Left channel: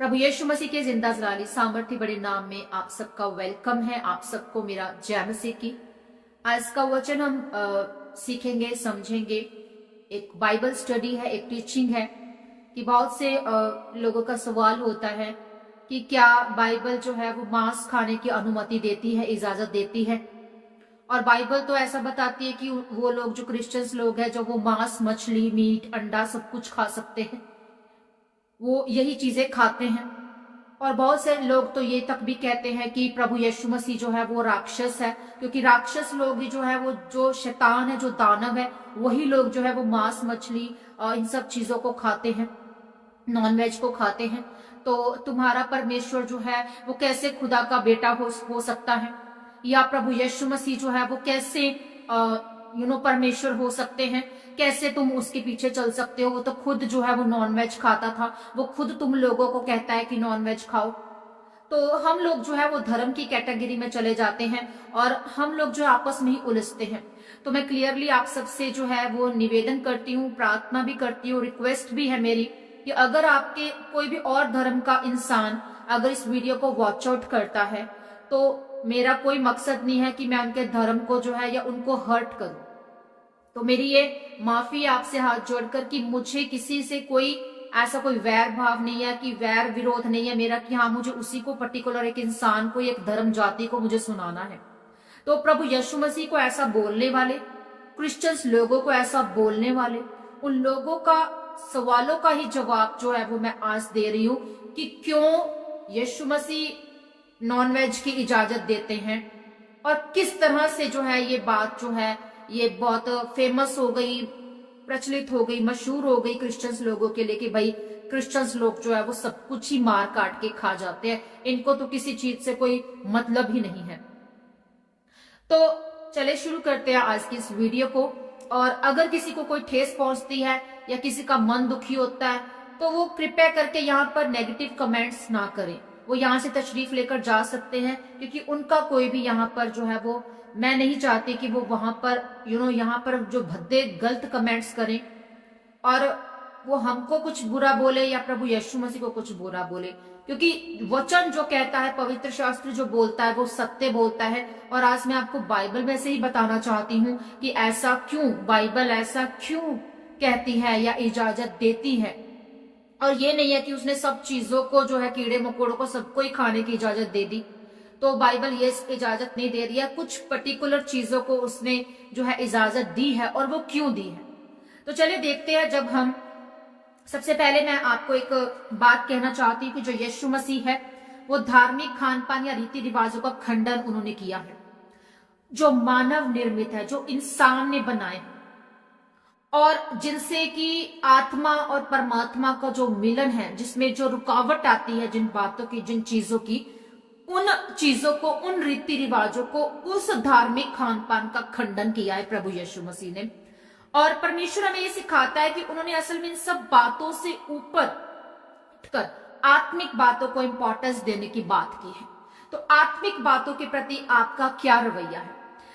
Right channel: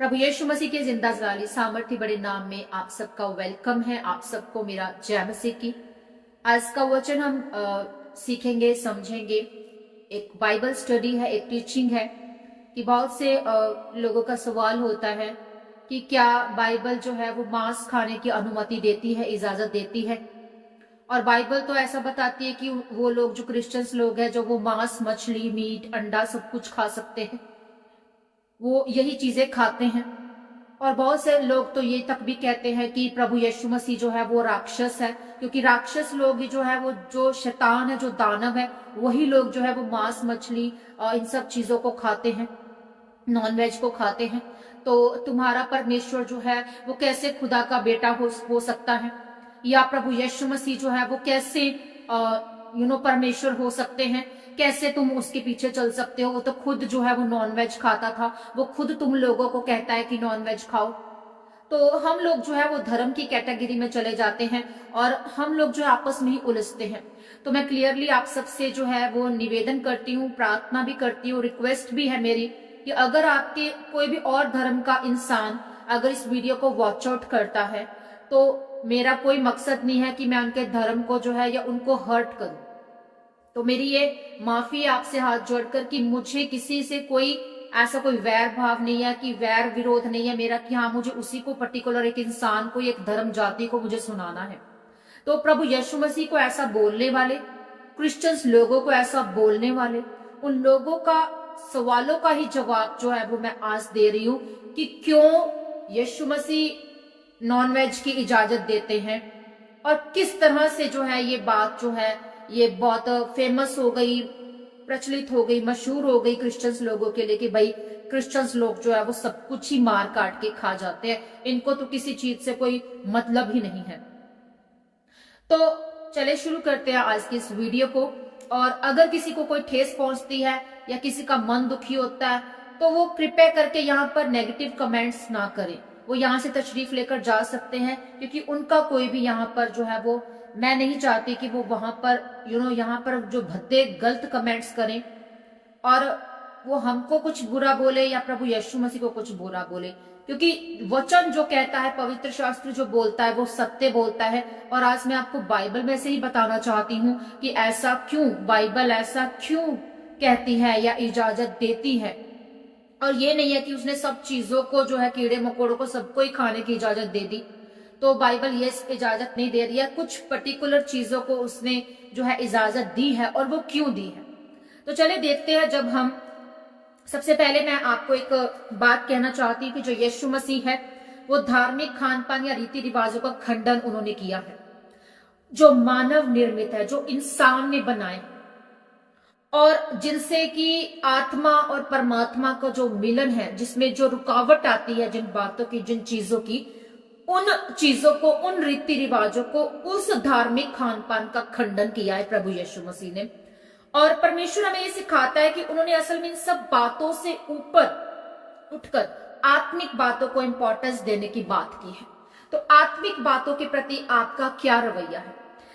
प्रभु यीशु मसीह के जिंदा जलाली सामर्थ्य बड़े नाम में आप सबका वेलकम है। आप सबको मेरा जय मसीह की। आज का वचन हम सीखेंगे, समझेंगे। एक बाइबल स्टडी है, एक टीचिंग है कि बहुत से लोगों का सवाल होता है कि क्या बाइबल जो है वो मांस खाने की अनुमति देती है, इजाजत देती है। और बाइबल तो ऐसा बताती है कि वो लोग जो क्रिश्चियंस लोग हैं, जो वो मांस, मछली, मीट, अंडा सब कुछ खा सकते हैं, वो यही चीजें खाते हैं। और बहुत से लोग तो ये तक भी कहते हैं कि प्रभु यीशु मसीह जो है वो राक्षस है, क्योंकि राक्षस लोग ही जो है वो जो शैतान है, जो दानव है, वही लोग जो है वो मांस, मछली इन सब चीजों को खाते हैं, नॉन वेज को खाते हैं। तो तुम्हारा परमेश्वर जो है वो कैसे खुदा का बेटा हो सकता है, या प्रभु यीशु मसीह जो है वो कैसे परमेश्वर हो सकते हैं, कैसे तुम उसके पीछे चल सकते हो। वो तो खुद जो है वो नॉन वेज खाता था, वो खुद तुम लोगों को कहता है कि नॉन वेज खाओ। तो हम लोग जो है वो धर्म की कैटेगरी में चले जाते हैं और हम लोग जो आपस में ही उलझते हैं। तो मैं क्लियरली आप सबसे जो है वो निवेदन करती हूँ, प्रार्थना भी करती हूँ, रिक्वेस्ट भी है मेरी कि अगर आपके कोई भी और धर्म का इंसान अगर इस वीडियो को वॉच आउट करता है, तो मेरा कोई मकसद नहीं है कि मैं उनके धर्म को जो है या उनको हर्ट करूं। तो मेरी ये माफी आपसे हाथ जोड़कर कि मुझे किसी से कोई ऐसा कोई वैर भाव नहीं है, कि वैर विरोध नहीं है मेरा कि हाँ मुझे उसी को पर्टिकुलर एक इंसान को, एक धर्म जाति को मुझे सुनाना है। तो प्रभु यीशु मसीह को ऐसा बोलने वाले, क्रिश्चियंस लोगों को ऐसा बोलने वाले, उन लोगों का सवालों का ही जवाब जो है वो मैं आज दे रही हूं कि क्यों यीशु मसीह नॉन वेज की इजाजत देते हैं और किस तरह से जो है ये बात जो है ये बहुत फेमस हो गई, प्रचलित हो गई, मशहूर हो गई क्रिश्चियंस लोगों के लिए कि भाई क्रिश्चियंस लोग जो है वो सब कुछ ही मार काट के खा जाते हैं, इनको तो किसी चीज से कोई मतलब ही नहीं है। तो चले शुरू करते हैं आज की इस वीडियो को। और अगर किसी को कोई ठेस पहुंचती है या किसी का मन दुखी होता है तो वो कृपया करके यहाँ पर नेगेटिव कमेंट्स ना करें। वो यहाँ से तशरीफ लेकर जा सकते हैं, क्योंकि उनका कोई भी यहाँ पर जो है वो, मैं नहीं चाहती कि वो वहां पर यहाँ पर जो भद्दे गलत कमेंट्स करें और वो हमको कुछ बुरा बोले या प्रभु यीशु मसीह को कुछ बुरा बोले। क्योंकि वचन जो कहता है, पवित्र शास्त्र जो बोलता है वो सत्य बोलता है। और आज मैं आपको बाइबल में से ही बताना चाहती हूँ कि ऐसा क्यों, बाइबल ऐसा क्यों कहती है या इजाजत देती है। और ये नहीं है कि उसने सब चीजों को जो है, कीड़े मकोड़ों को सबको ही खाने की इजाजत दे दी। तो बाइबल ये इजाजत नहीं दे रही है, कुछ पर्टिकुलर चीजों को उसने जो है इजाजत दी है। और वो क्यों दी है, तो चले देखते हैं। जब हम सबसे पहले मैं आपको एक बात कहना चाहती हूँ कि जो यीशु मसीह है वो धार्मिक खान पान या रीति रिवाजों का खंडन उन्होंने किया है, जो मानव निर्मित है, जो इंसान ने बनाए और जिनसे कि आत्मा और परमात्मा का जो मिलन है, जिसमें जो रुकावट आती है जिन बातों की, जिन चीजों की, उन चीजों को, उन रीति रिवाजों को, उस धार्मिक खान पान का खंडन किया है प्रभु यीशु मसीह ने। और परमेश्वर हमें ये सिखाता है कि उन्होंने असल में इन सब बातों से ऊपर उठकर आत्मिक बातों को इंपॉर्टेंस देने की बात की है। तो आत्मिक बातों के प्रति आपका क्या रवैया है।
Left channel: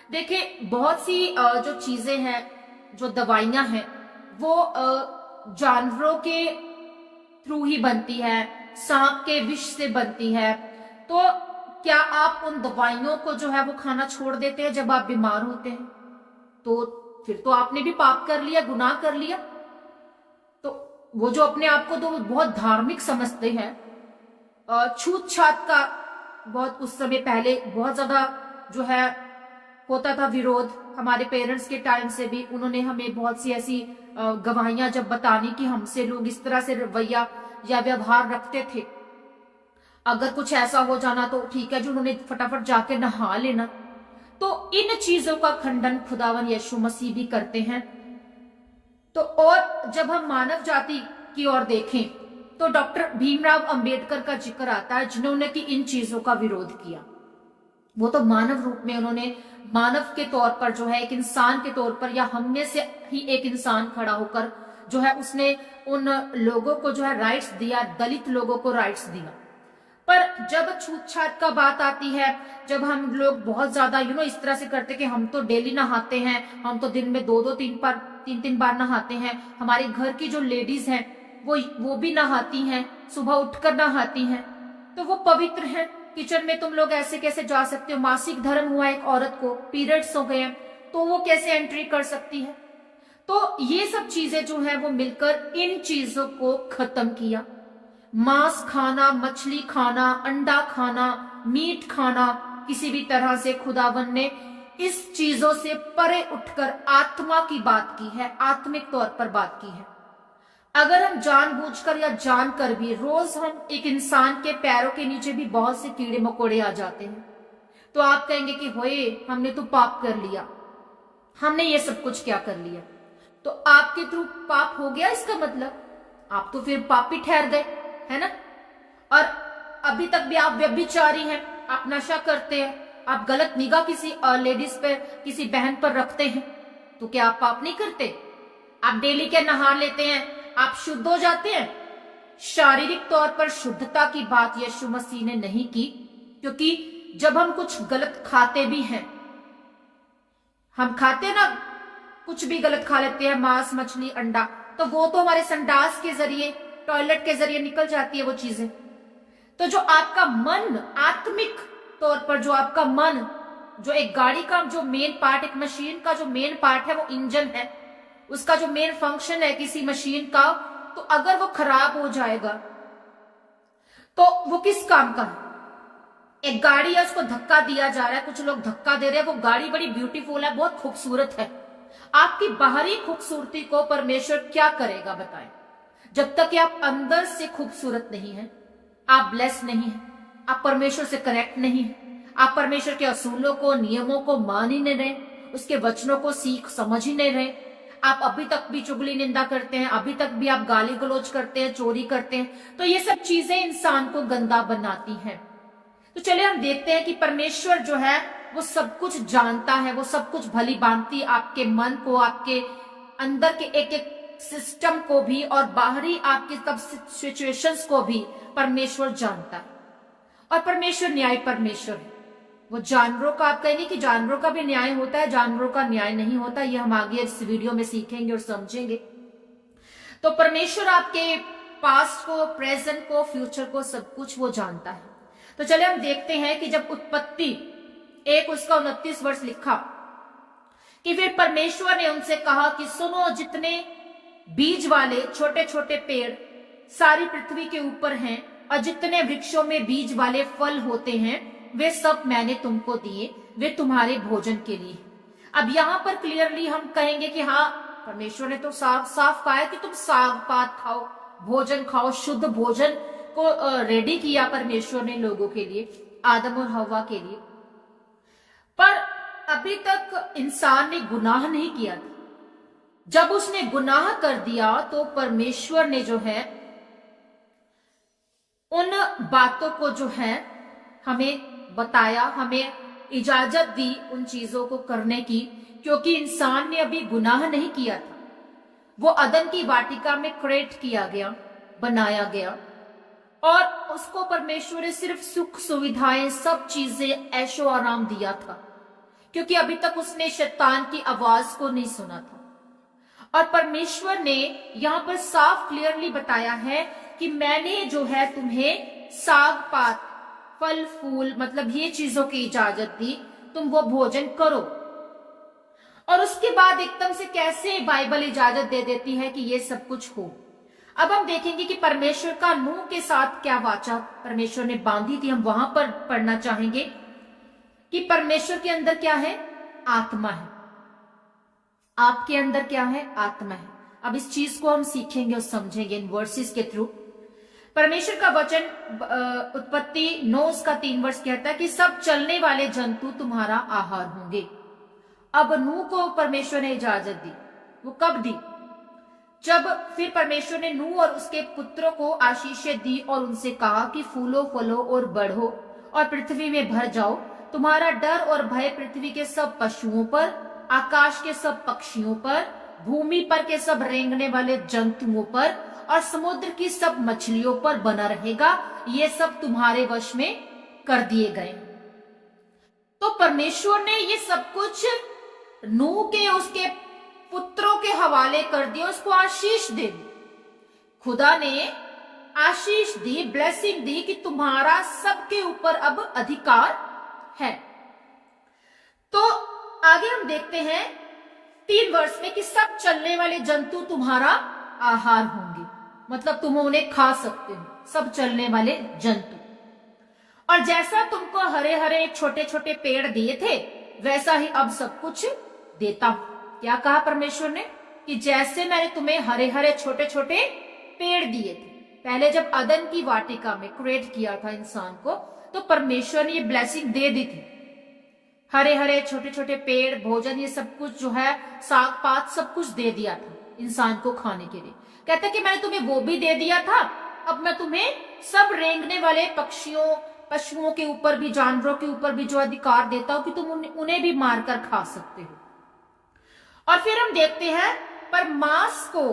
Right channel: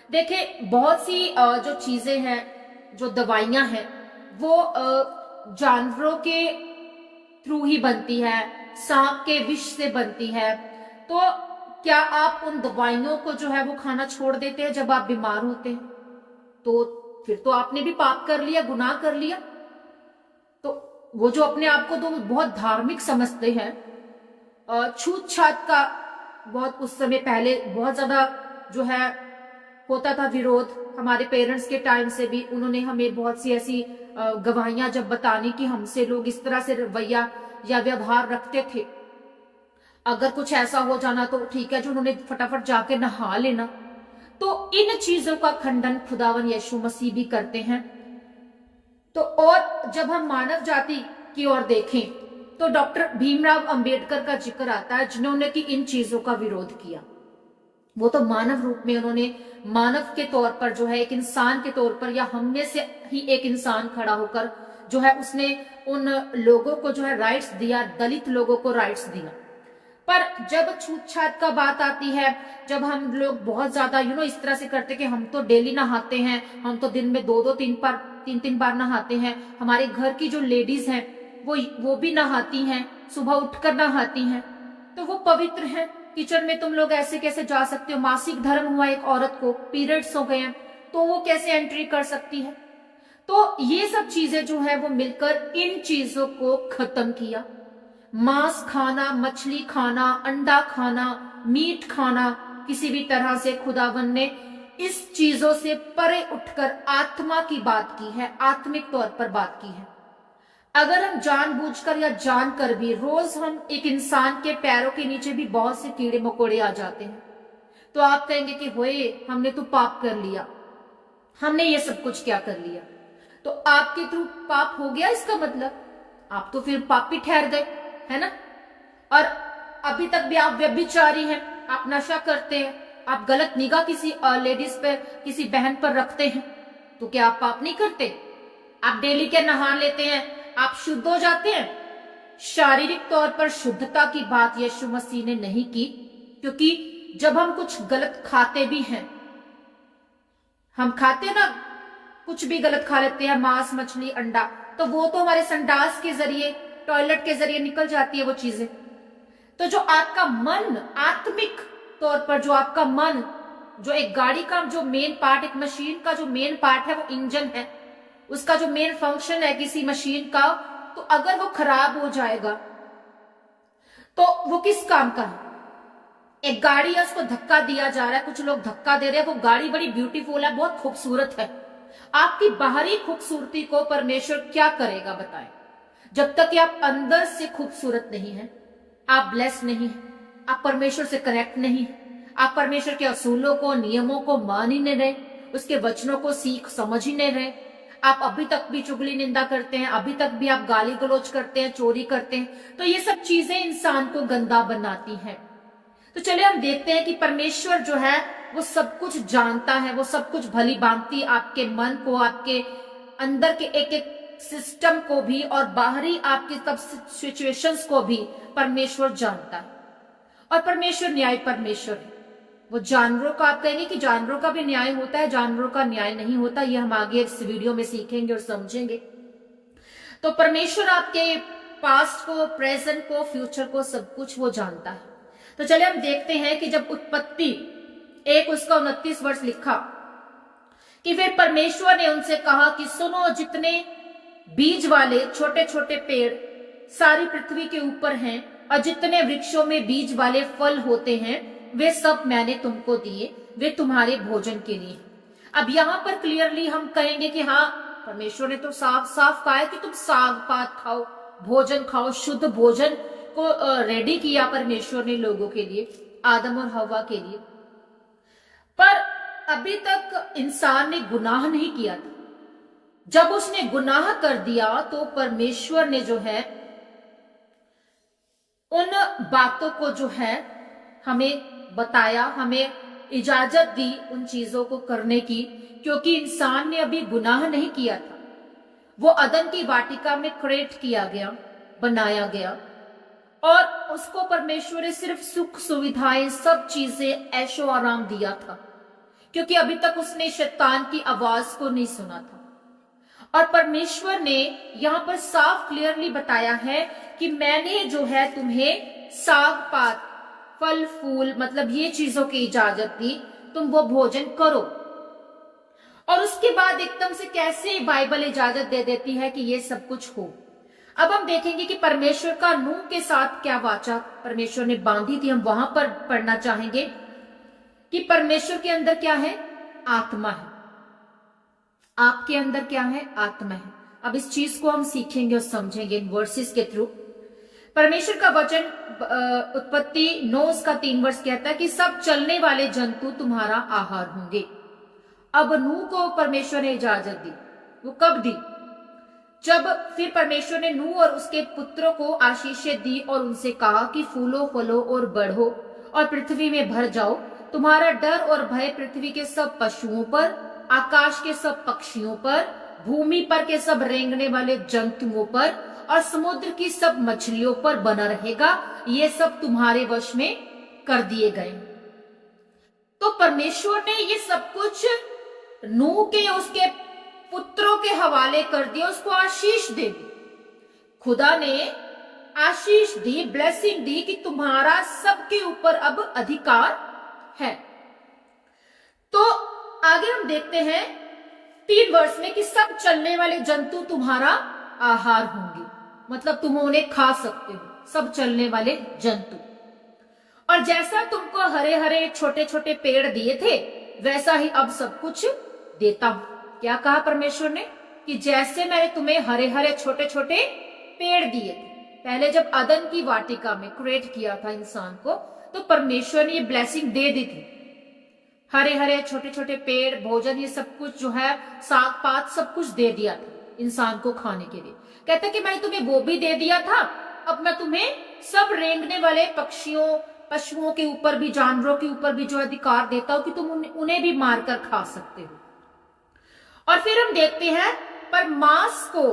देखिए, बहुत सी जो चीजें हैं, जो दवाइयां हैं, वो जानवरों के थ्रू ही बनती है, सांप के विष से बनती है। तो क्या आप उन दवाइयों को जो है वो खाना छोड़ देते हैं जब आप बीमार होते हैं? तो फिर तो आपने भी पाप कर लिया, गुनाह कर लिया। तो वो जो अपने आप को तो बहुत धार्मिक समझते हैं, छूत छात का बहुत उस समय पहले बहुत ज्यादा जो है होता था विरोध। हमारे पेरेंट्स के टाइम से भी उन्होंने हमें बहुत सी ऐसी गवाहियां जब बतानी कि हमसे लोग इस तरह से रवैया या व्यवहार रखते थे, अगर कुछ ऐसा हो जाना तो ठीक है, जो उन्होंने फटाफट जाके नहा लेना। तो इन चीजों का खंडन खुदावन यीशु मसीह भी करते हैं। तो और जब हम मानव जाति की ओर देखें तो डॉक्टर भीमराव अंबेडकर का जिक्र आता है, जिन्होंने कि इन चीजों का विरोध किया। वो तो मानव रूप में उन्होंने, मानव के तौर पर जो है, एक इंसान के तौर पर, या हमने से ही एक इंसान खड़ा होकर जो है उसने उन लोगों को जो है राइट्स दिया, दलित लोगों को राइट्स दिया। पर जब छूत छात का बात आती है, जब हम लोग बहुत ज्यादा इस तरह से करते कि हम तो डेली नहाते हैं, हम तो दिन में 2-2 3 बार नहाते हैं, हमारे घर की जो लेडीज हैं वो भी नहाती हैं, सुबह उठकर नहाती हैं तो वो पवित्र हैं। किचन में तुम लोग ऐसे कैसे जा सकते हो? मासिक धर्म हुआ एक औरत को, पीरियड्स हो गए हैं तो वो कैसे एंट्री कर सकती है? तो ये सब चीजें जो है वो मिलकर इन चीजों को खत्म किया। मांस खाना, मछली खाना, अंडा खाना, मीट खाना, किसी भी तरह से खुदावन ने इस चीजों से परे उठकर आत्मा की बात की है, आत्मिक तौर पर बात की है। अगर हम जानबूझकर या जानकर भी, रोज हम एक इंसान के पैरों के नीचे भी बहुत से कीड़े मकोड़े आ जाते हैं, तो आप कहेंगे कि होए हमने तो पाप कर लिया, हमने ये सब कुछ क्या कर लिया? तो आपके थ्रू पाप हो गया, इसका मतलब आप तो फिर पापी ठहर गए, है ना? और अभी तक भी आप व्यभिचारी हैं, आप नशा करते हैं, आप गलत निगाह किसी लेडीज पर, किसी बहन पर रखते हैं, तो क्या आप पाप नहीं करते? आप डेली के नहा लेते हैं, आप शुद्ध हो जाते हैं। शारीरिक तौर पर शुद्धता की बात यीशु मसीह ने नहीं की, क्योंकि जब हम कुछ गलत खाते भी हैं, हम खाते ना, कुछ भी गलत खा लेते हैं, मांस, मछली, अंडा, तो वो तो हमारे संडास के जरिए, टॉयलेट के जरिए निकल जाती है वो चीजें। तो जो आपका मन, आत्मिक तौर पर जो आपका मन, जो एक गाड़ी का जो मेन पार्ट, एक मशीन का जो मेन पार्ट है वो इंजन है, उसका जो मेन फंक्शन है किसी मशीन का, तो अगर वो खराब हो जाएगा तो वो किस काम का है? एक गाड़ी है, उसको धक्का दिया जा रहा है, कुछ लोग धक्का दे रहे हैं, वो गाड़ी बड़ी ब्यूटीफुल है, बहुत खूबसूरत है। आपकी बाहरी खूबसूरती को परमेश्वर क्या करेगा बताएं? जब तक कि आप अंदर से खूबसूरत नहीं है, आप ब्लेस्ड नहीं है, आप परमेश्वर से कनेक्ट नहीं है, आप परमेश्वर के असूलों को, नियमों को मान ही नहीं रहे, उसके वचनों को सीख समझ ही नहीं रहे, आप अभी तक भी चुगली निंदा करते हैं, अभी तक भी आप गाली गलौज करते हैं, चोरी करते हैं, तो ये सब चीजें इंसान को गंदा बनाती हैं। तो चलिए हम देखते हैं कि परमेश्वर जो है वो सब कुछ जानता है, वो सब कुछ भली भांति आपके मन को, आपके अंदर के एक एक सिस्टम को भी और बाहरी आपके सब सिचुएशंस को भी परमेश्वर जानता है। और परमेश्वर न्याय परमेश्वर है। वो जानवरों का, आप कहेंगे कि जानवरों का भी न्याय होता है, जानवरों का न्याय नहीं होता, ये हम आगे इस वीडियो में सीखेंगे और समझेंगे। तो परमेश्वर आपके पास्ट को, प्रेजेंट को, फ्यूचर को, सब कुछ वो जानता है। तो चले हम देखते हैं कि जब उत्पत्ति 1 उसका 29 वर्ष लिखा कि फिर परमेश्वर ने उनसे कहा कि सुनो, जितने बीज वाले छोटे छोटे पेड़ सारी पृथ्वी के ऊपर हैं और जितने वृक्षों में बीज वाले फल होते हैं, वे सब मैंने तुमको दिए, वे तुम्हारे भोजन के लिए। अब यहां पर क्लियरली हम कहेंगे कि हाँ, परमेश्वर ने तो साफ साफ कहा है कि तुम साग पात खाओ, भोजन खाओ, शुद्ध भोजन को रेडी किया परमेश्वर ने लोगों के लिए, आदम और हवा के लिए। पर अभी तक इंसान ने गुनाह नहीं किया था। जब उसने गुनाह कर दिया तो परमेश्वर ने जो है उन बातों को जो है हमें बताया, हमें इजाजत दी उन चीजों को करने की, क्योंकि इंसान ने अभी गुनाह नहीं किया था। वो अदन की वाटिका में क्रिएट किया गया, बनाया गया, और उसको परमेश्वर ने सिर्फ सुख सुविधाएं, सब चीजें, ऐशो आराम दिया था, क्योंकि अभी तक उसने शैतान की आवाज को नहीं सुना था। और परमेश्वर ने यहां पर साफ क्लियरली बताया है कि मैंने जो है तुम्हें साग पात, फल फूल, मतलब ये चीजों की इजाजत दी, तुम वो भोजन करो। और उसके बाद एकदम से कैसे बाइबल इजाजत दे देती है कि ये सब कुछ हो। अब हम देखेंगे कि परमेश्वर का नूह के साथ क्या वाचा परमेश्वर ने बांधी थी, हम वहां पर पढ़ना चाहेंगे कि परमेश्वर के अंदर क्या है? आत्मा है। आपके अंदर क्या है? आत्मा है। अब इस चीज को हम सीखेंगे और समझेंगे इन वर्सेस के थ्रू। परमेश्वर का वचन उत्पत्ति 9 उसका 3 वर्ष कहता है कि सब चलने वाले जंतु तुम्हारा आहार होंगे। अब नूह को परमेश्वर ने इजाजत दी। वो कब दी? जब फिर परमेश्वर ने नूह और उसके पुत्रों को आशीषें दी और उनसे कहा कि फूलो फलो और बढ़ो और पृथ्वी में भर जाओ, तुम्हारा डर और भय पृथ्वी के सब पशुओं पर, आकाश के सब पक्षियों पर, भूमि पर के सब रेंगने वाले जंतुओं पर और समुद्र की सब मछलियों पर बना रहेगा। ये सब तुम्हारे वश में कर दिए गए। तो परमेश्वर ने ये सब कुछ नूह के, उसके पुत्रों के हवाले कर दिया, उसको आशीष दे दी। खुदा ने आशीष दी, ब्लेसिंग दी कि तुम्हारा सबके ऊपर अब अधिकार है। तो आगे हम देखते हैं 3 वर्ष में कि सब चलने वाले जंतु तुम्हारा आहार होंगे, मतलब तुम उन्हें खा सकते हो, सब चलने वाले जंतु। और जैसा तुमको हरे हरे छोटे छोटे पेड़ दिए थे वैसा ही अब सब कुछ देता हूं। क्या कहा परमेश्वर ने कि जैसे मैंने तुम्हें हरे हरे छोटे छोटे पेड़ दिए थे, पहले जब अदन की वाटिका में क्रिएट किया था इंसान को, तो परमेश्वर ने ये ब्लेसिंग दे दी थी, हरे हरे छोटे छोटे पेड़, भोजन, ये सब कुछ जो है, साग पात सब कुछ दे दिया था इंसान को खाने के लिए। कहता कि मैंने तुम्हें वो भी दे दिया था, अब मैं तुम्हें सब रेंगने वाले पक्षियों, पशुओं के ऊपर भी, जानवरों के ऊपर भी जो अधिकार देता हूं कि तुम उन्हें भी मारकर खा सकते हो। और फिर हम देखते हैं, पर मांस को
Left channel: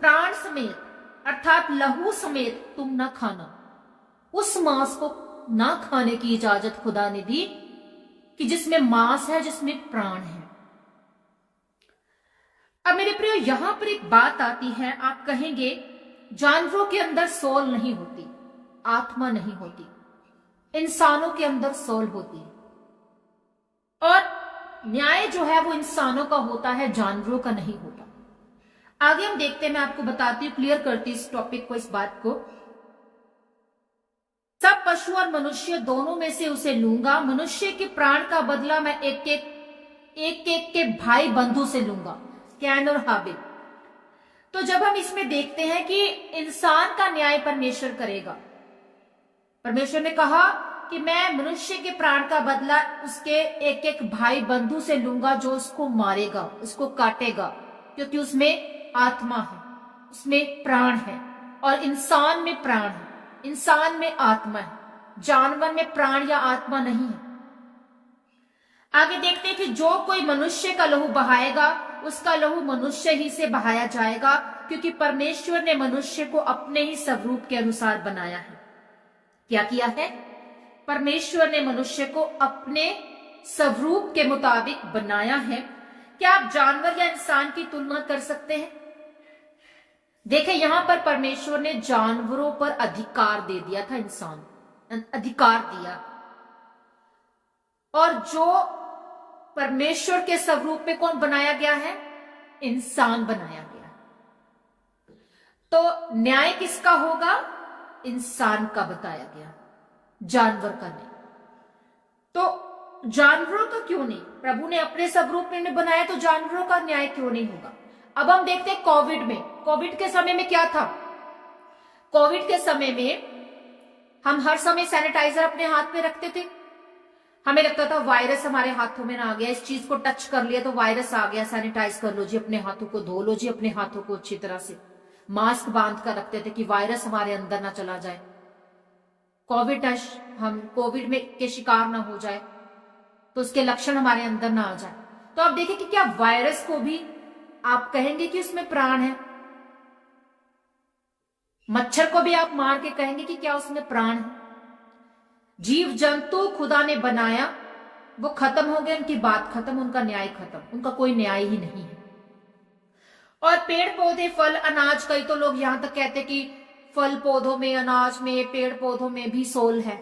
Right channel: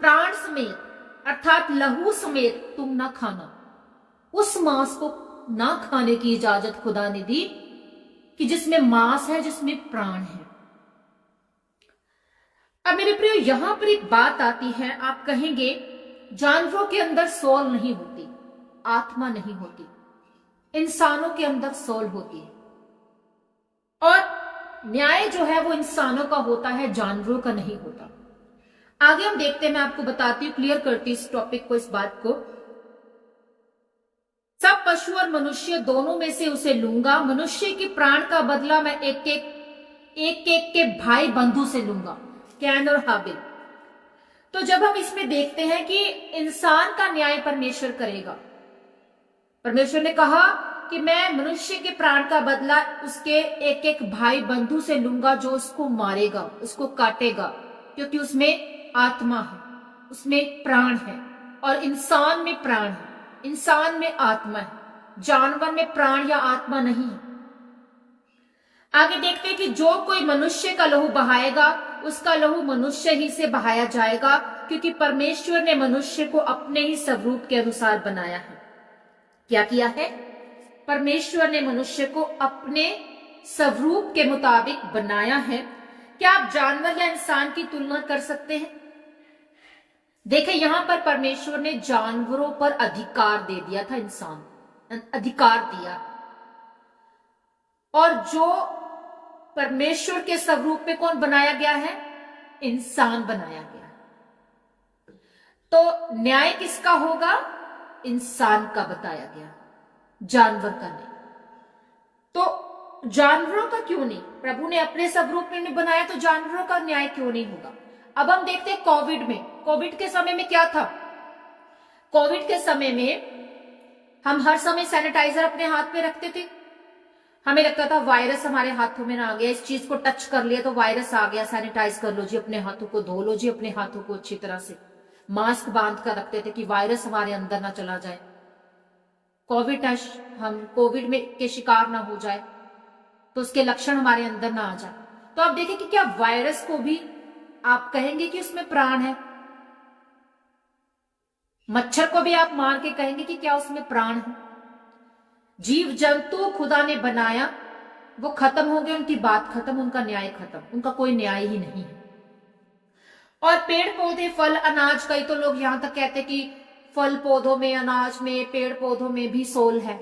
प्राण समेत अर्थात लहू समेत तुम ना खाना। उस मांस को ना खाने की इजाजत खुदा ने दी कि जिसमें मांस है, जिसमें प्राण है। अब मेरे प्रियो, यहां पर एक बात आती है, आप कहेंगे जानवरों के अंदर सोल नहीं होती, आत्मा नहीं होती, इंसानों के अंदर सोल होती है। और न्याय जो है वो इंसानों का होता है, जानवरों का नहीं होता। आगे हम देखते हैं, मैं आपको बताती हूं, क्लियर करती हूं इस टॉपिक को, इस बात को। सब पशु और मनुष्य दोनों में से उसे लूंगा, मनुष्य के प्राण का बदला मैं एक एक के भाई बंधु से लूंगा, कैन और हाबिल। तो जब हम इसमें देखते हैं कि इंसान का न्याय परमेश्वर करेगा, परमेश्वर ने कहा कि मैं मनुष्य के प्राण का बदला उसके एक एक भाई बंधु से लूंगा जो उसको मारेगा, उसको काटेगा, क्योंकि उसमें आत्मा है, उसमें प्राण है। और इंसान में प्राण है, इंसान में आत्मा है, जानवर में प्राण या आत्मा नहीं है। आगे देखते हैं कि जो कोई मनुष्य का लहू बहाएगा उसका लहू मनुष्य ही से बहाया जाएगा, क्योंकि परमेश्वर ने मनुष्य को अपने ही स्वरूप के अनुसार बनाया है। क्या किया है? परमेश्वर ने मनुष्य को अपने स्वरूप के मुताबिक बनाया है। क्या आप जानवर या इंसान की तुलना कर सकते हैं? देखें, यहां पर परमेश्वर ने जानवरों पर अधिकार दे दिया था, इंसान अधिकार दिया, और जो परमेश्वर के स्वरूप में कौन बनाया गया है? इंसान बनाया गया। तो न्याय किसका होगा? इंसान का बताया गया, जानवर का नहीं। तो जानवरों का क्यों नहीं? प्रभु ने अपने स्वरूप में बनाया, तो जानवरों का न्याय क्यों नहीं होगा? अब हम देखते हैं कोविड में, कोविड के समय में क्या था? कोविड के समय में हम हर समय सैनिटाइजर अपने हाथ में रखते थे। हमें लगता था वायरस हमारे हाथों में ना आ गया, इस चीज को टच कर लिया तो वायरस आ गया, सैनिटाइज कर लो जी, अपने हाथों को धो लो जी, अपने हाथों को अच्छी तरह से। मास्क बांध कर रखते थे कि वायरस हमारे अंदर ना चला जाए, हम कोविड में के शिकार ना हो जाए, तो उसके लक्षण हमारे अंदर ना आ जाए। तो आप देखिए कि क्या वायरस को भी आप कहेंगे कि उसमें प्राण है? मच्छर को भी आप मार के कहेंगे कि क्या उसमें प्राण है? जीव जंतु खुदा ने बनाया, वो खत्म हो गए, उनकी बात खत्म, उनका न्याय खत्म, उनका कोई न्याय ही नहीं है। और पेड़ पौधे, फल, अनाज, कई तो लोग यहां तक कहते कि फल पौधों में, अनाज में, पेड़ पौधों में भी सोल है।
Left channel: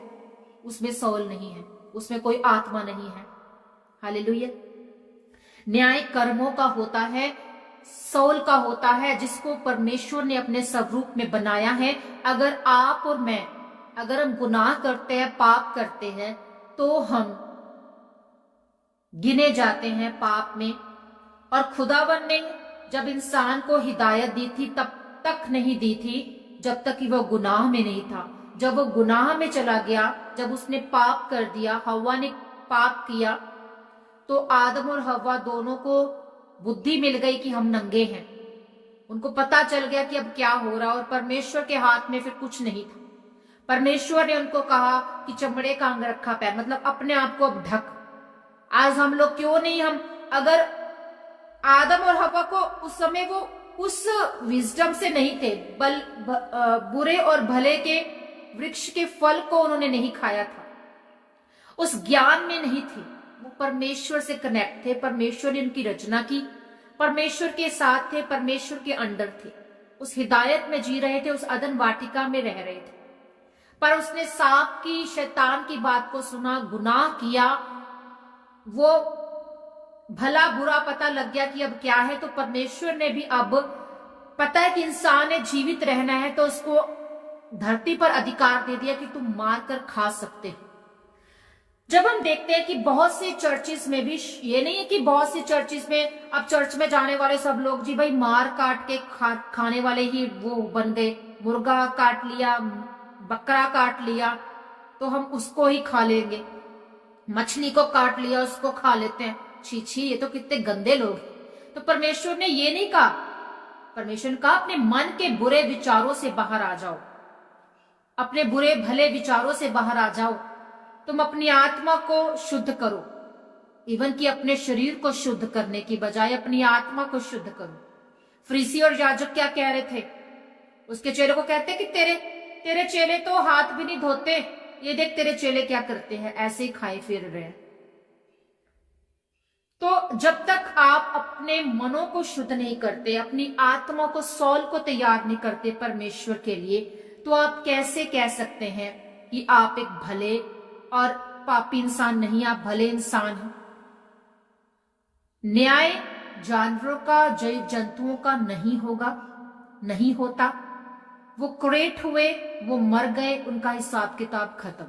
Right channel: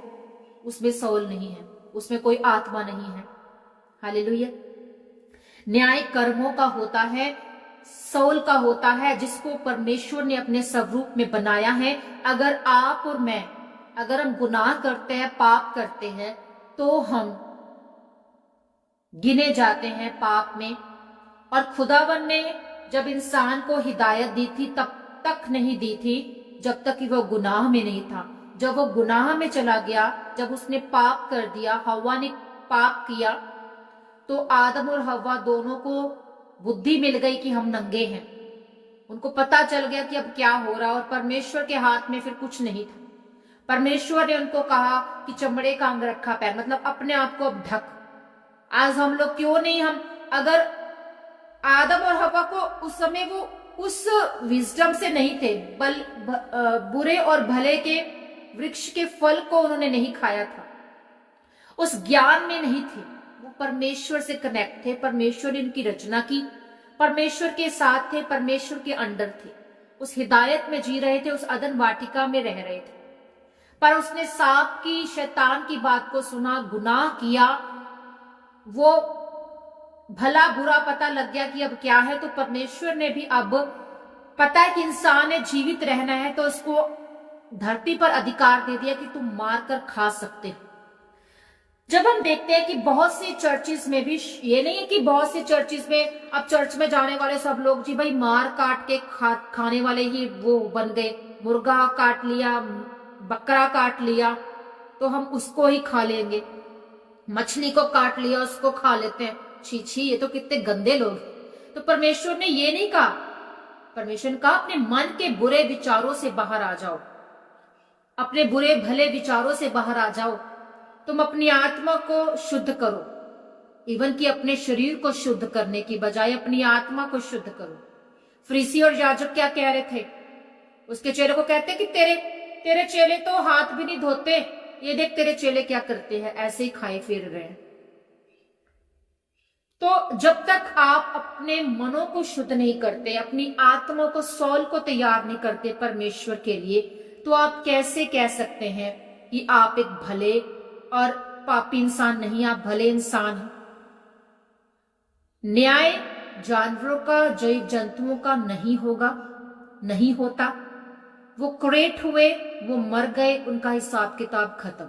उसमें सोल नहीं है, उसमें कोई आत्मा नहीं है। हालेलुया। न्याय कर्मों का होता है, सोल का होता है, जिसको परमेश्वर ने अपने स्वरूप में बनाया है। अगर आप और मैं, अगर हम गुनाह करते हैं, पाप करते हैं, तो हम गिने जाते हैं पाप में। और खुदावन ने जब इंसान को हिदायत दी थी तब तक नहीं दी थी जब तक कि वो गुनाह में नहीं था। जब वो गुनाह में चला गया, जब उसने पाप कर दिया, हव्वा ने पाप किया, तो आदम और हव्वा दोनों को बुद्धि मिल गई कि हम नंगे हैं। उनको पता चल गया कि अब क्या हो रहा, और परमेश्वर के हाथ में फिर कुछ नहीं था। परमेश्वर ने उनको कहा कि चमड़े का अंगरखा पहन, मतलब अपने आप को अब ढक। आज हम लोग क्यों नहीं, हम अगर आदम और हव्वा को उस समय वो उस विजडम से नहीं थे, बुरे और भले के वृक्ष के फल को उन्होंने नहीं खाया था, उस ज्ञान में नहीं थे, वो परमेश्वर से कनेक्ट थे। परमेश्वर ने उनकी रचना की, परमेश्वर के साथ थे, परमेश्वर के अंडर थे। उस हिदायत में जी रहे थे, उस अदन वाटिका में रह रहे थे। पर उसने सांप की, शैतान की बात को सुना, गुनाह किया, वो भला बुरा पता लग गया कि अब क्या है। तो परमेश्वर ने भी अब पता है कि इंसान ने जीवित रहना है, तो उसको धरती पर अधिकार दे दिया कि तुम मार कर खा सकते हो। जब हम देखते हैं कि बहुत सी चर्चिस में भी, ये नहीं है कि बहुत सी चर्चिस में अब चर्च में जाने वाले सब लोग जी भाई मार काट के खाने वाले ही वो बन गए। मुर्गा काट लिया, बकरा काट लिया तो हम उसको ही खा लेंगे, मछली को काट लिया उसको खा लेते हैं। छी छी, ये तो कितने गंदे लोग हैं। तो परमेश्वर ने ये नहीं कहा। परमेश्वर ने कहा अपने मन के बुरे विचारों से बाहर आ जाओ, अपने बुरे भले विचारों से बाहर आ जाओ। तुम अपनी आत्मा को शुद्ध करो, इवन कि अपने शरीर को शुद्ध करने की बजाय अपनी आत्मा को शुद्ध करो। फरीसी और याजक क्या कह रहे थे? उसके चेले को कहते कि तेरे चेले तो हाथ भी नहीं धोते, ये देख तेरे चेले क्या करते हैं, ऐसे ही खाए फिर रहे हैं। तो जब तक आप अपने मनों को शुद्ध नहीं करते, अपनी आत्मा को, सौल को तैयार नहीं करते परमेश्वर के लिए, तो आप कैसे कह सकते हैं कि आप एक भले और पापी इंसान नहीं, आप भले इंसान हैं। न्याय जानवरों का, जीव जंतुओं का नहीं होगा, नहीं होता। वो क्रिएट हुए, वो मर गए, उनका हिसाब किताब खत्म।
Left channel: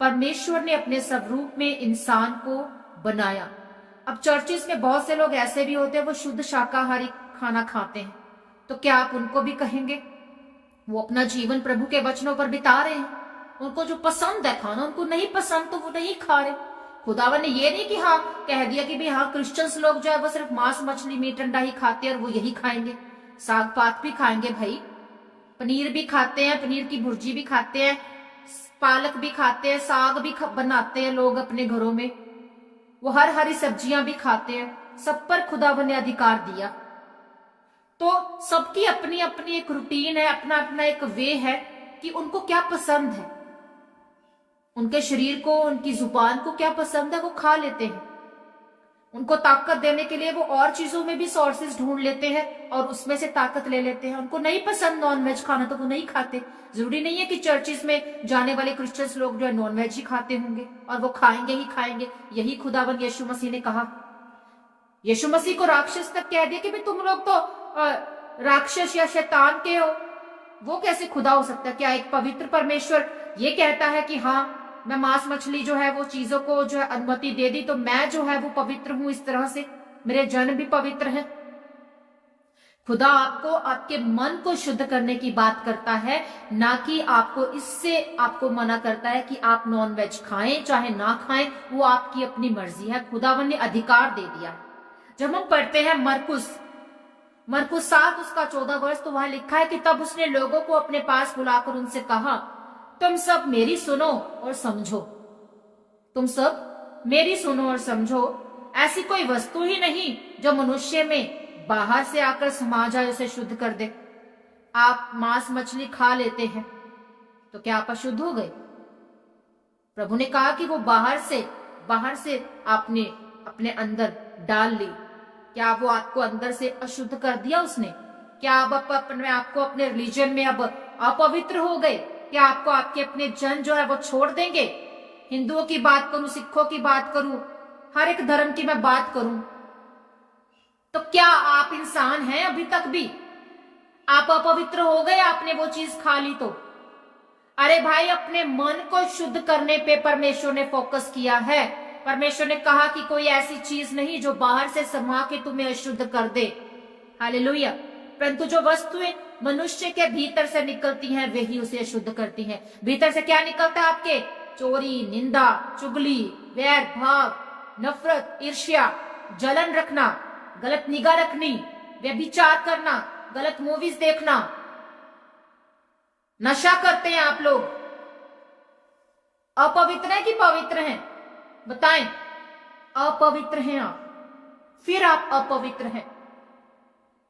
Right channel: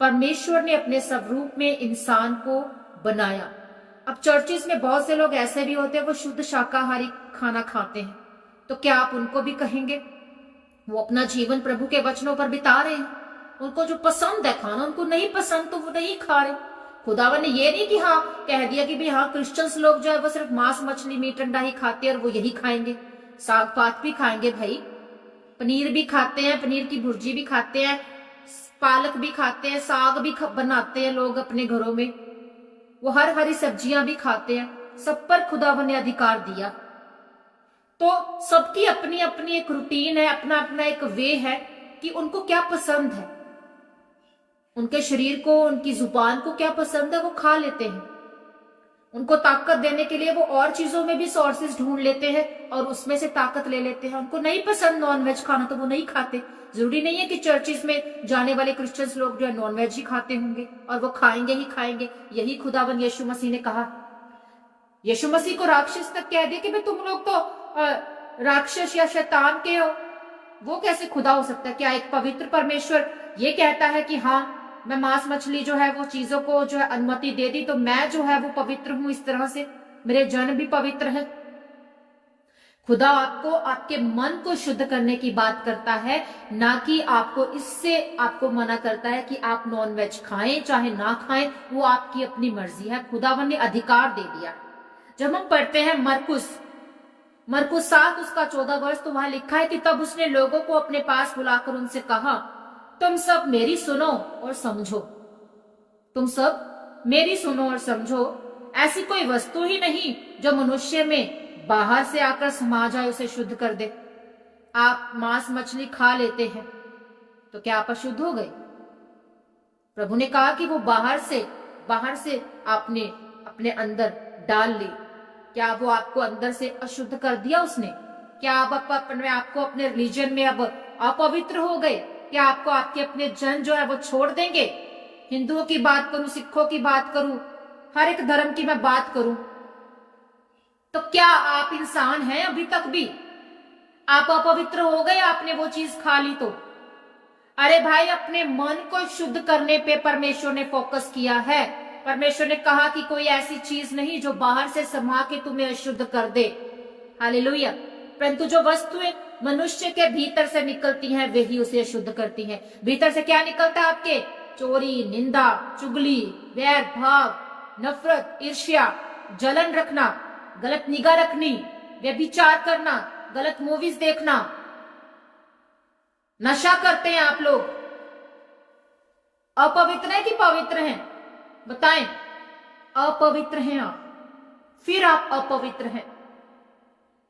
परमेश्वर ने अपने स्वरूप में इंसान को बनाया। अब चर्चिस में बहुत से लोग ऐसे भी होते हैं, वो शुद्ध शाकाहारी खाना खाते हैं, तो क्या आप उनको भी कहेंगे? वो अपना जीवन प्रभु के वचनों पर बिता रहे हैं, उनको जो पसंद है खाना, उनको नहीं पसंद तो वो नहीं खा रहे। खुदावन ने ये नहीं कि हाँ कह दिया कि भाई हाँ क्रिश्चियंस लोग जो है वो सिर्फ मांस मछली मीट अंडा ही खाते हैं और वो यही खाएंगे। साग पात भी खाएंगे भाई, पनीर भी खाते हैं, पनीर की भुर्जी भी खाते हैं, पालक भी खाते हैं, साग भी बनाते हैं लोग अपने घरों में, वो हरी सब्जियां भी खाते हैं। सब पर खुदावन ने अधिकार दिया। तो सबकी अपनी अपनी एक रूटीन है, अपना अपना एक वे है कि उनको क्या पसंद है, उनके शरीर को, उनकी जुबान को क्या पसंद है वो खा लेते हैं। उनको ताकत देने के लिए वो और चीजों में भी सोर्सेज ढूंढ लेते हैं और उसमें से ताकत ले लेते हैं। उनको नहीं पसंद नॉनवेज खाना तो वो नहीं खाते। जरूरी नहीं है कि चर्चिस में जाने वाले क्रिश्चियंस लोग जो है नॉनवेज ही खाते होंगे और वो खाएंगे ही खाएंगे। यही खुदावन यीशु मसीह ने कहा। यीशु मसीह को राक्षस तक कह दिया कि भाई तुम लोग तो राक्षस या शैतान के हो, वो कैसे खुदा हो सकता है? क्या एक पवित्र परमेश्वर ये कहता है कि हाँ मैं मांस मछली जो है वो चीजों को जो है अनुमति दे दी तो मैं जो है वो पवित्र हूं, इस तरह से मेरे जन भी पवित्र है। खुदा आपको आपके मन को शुद्ध करने की बात करता है, ना कि आपको इससे आपको मना करता है कि आप नॉनवेज खाएं चाहे ना खाएं, वो आपकी अपनी मर्जी है। खुदावन ने अधिकार दे दिया। जब हम पढ़ते हैं मरकुस 7 उसका 14 वर्ष, तो वहां लिखा है कि तब उसने लोगों को अपने पास बुलाकर उनसे कहा, तुम सब मेरी सुनो और समझो। तुम सब मेरी सुनो और समझो। ऐसी कोई वस्तु ही नहीं जो मनुष्य में बाहर से आकर समा जाए, उसे शुद्ध कर दे। आप मांस मछली खा लेते हैं तो क्या आप अशुद्ध हो गए? प्रभु ने कहा कि वो बाहर से आपने अपने अंदर डाल ली। क्या वो आपको अंदर से अशुद्ध कर दिया उसने? क्या आप अपने आपको अपने रिलीजन में अब अपवित्र हो गए? क्या आपको आपके अपने जन जो है वो छोड़ देंगे? हिंदुओं की बात करूं, सिखों की बात करूं, हर एक धर्म की मैं बात करूं, तो क्या आप इंसान हैं अभी तक भी? आप अपवित्र हो गए, आपने वो चीज खा ली तो? अरे भाई, अपने मन को शुद्ध करने पे परमेश्वर ने फोकस किया है। परमेश्वर ने कहा कि कोई ऐसी चीज नहीं जो बाहर से समा के तुम्हें अशुद्ध कर दे। हालेलुया। परंतु जो वस्तुएं मनुष्य के भीतर से निकलती हैं वही उसे अशुद्ध करती हैं। भीतर से क्या निकलता है आपके? चोरी, निंदा, चुगली, वैर भाव, नफरत, ईर्ष्या, जलन रखना, गलत निगाह रखनी, व्यभिचार करना, गलत मूवीज देखना। नशा करते हैं आप लोग। अपवित्र है कि पवित्र हैं? बताएं। अपवित्र हैं आप, फिर आप अपवित्र हैं।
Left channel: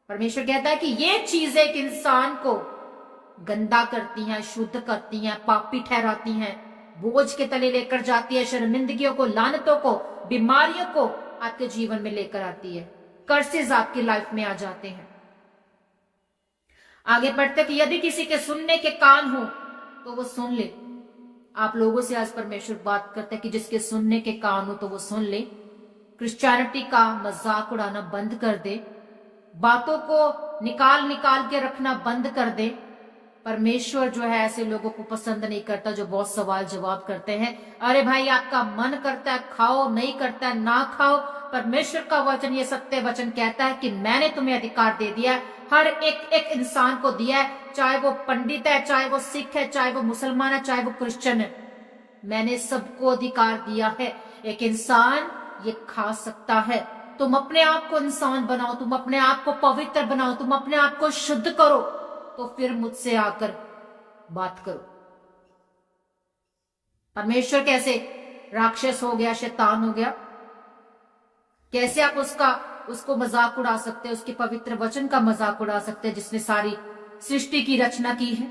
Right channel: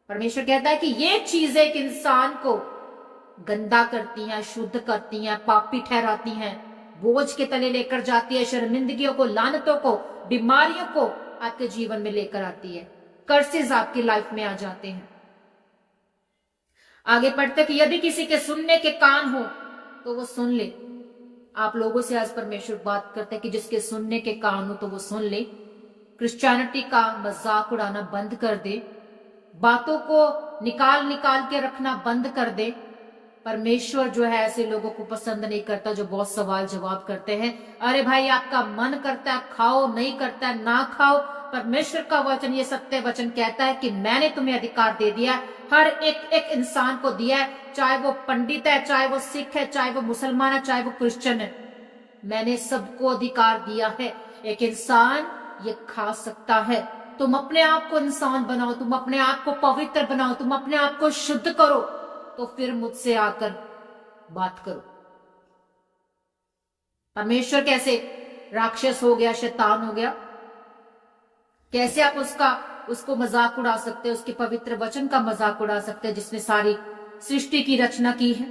परमेश्वर कहता है कि ये चीजें एक इंसान को गंदा करती हैं, शुद्ध करती हैं, पापी ठहराती हैं, बोझ के तले लेकर जाती है, शर्मिंदगियों को, लानतों को, बीमारियों को आपके जीवन में लेकर आती है। कर्सेस आपकी लाइफ में आ जाते हैं। आगे पढ़ते कि यदि किसी के सुनने के कान हो तो वो सुन ले। आप लोगों से आज परमेश्वर बात करते हैं कि जिसके सुनने के कान हो तो वो सुन ले। क्रिश्चियनिटी का मजाक उड़ाना बंद कर दे, बातों को निकाल निकाल के रखना बंद कर दे। परमेश्वर जो है ऐसे लोगों को पसंद नहीं करता जो बहुत सवाल जवाब करते हैं। अरे भाई, आपका मन करता है खाओ, नहीं करता है ना खाओ। परमेश्वर का वचन, ये सत्य वचन कहता है कि मैंने तुम्हें अधिकार दे दिया है, हर एक एक इंसान को दिया है, चाहे वो पंडित है, चाहे वो सिख है, चाहे वो मुसलमान है, चाहे वो क्रिश्चियन है। मैंने सबको अधिकार दिया है। एक इंसान ये खा सकता है। तुम अपने आप को इंसान बनाओ, तुम अपने आप को पवित्र बनाओ, तुम अपने आप को शुद्ध करो, तो फिर मुझसे आकर बात करो। परमेश्वर कैसे राक्षस हो गया, शैतान हो गया? कैसे आप उसको मजाक उड़ा सकते हैं, उसके पवित्र वचन का मजाक उड़ा सकते हैं जिसमें सारी सृष्टि की रचना की है।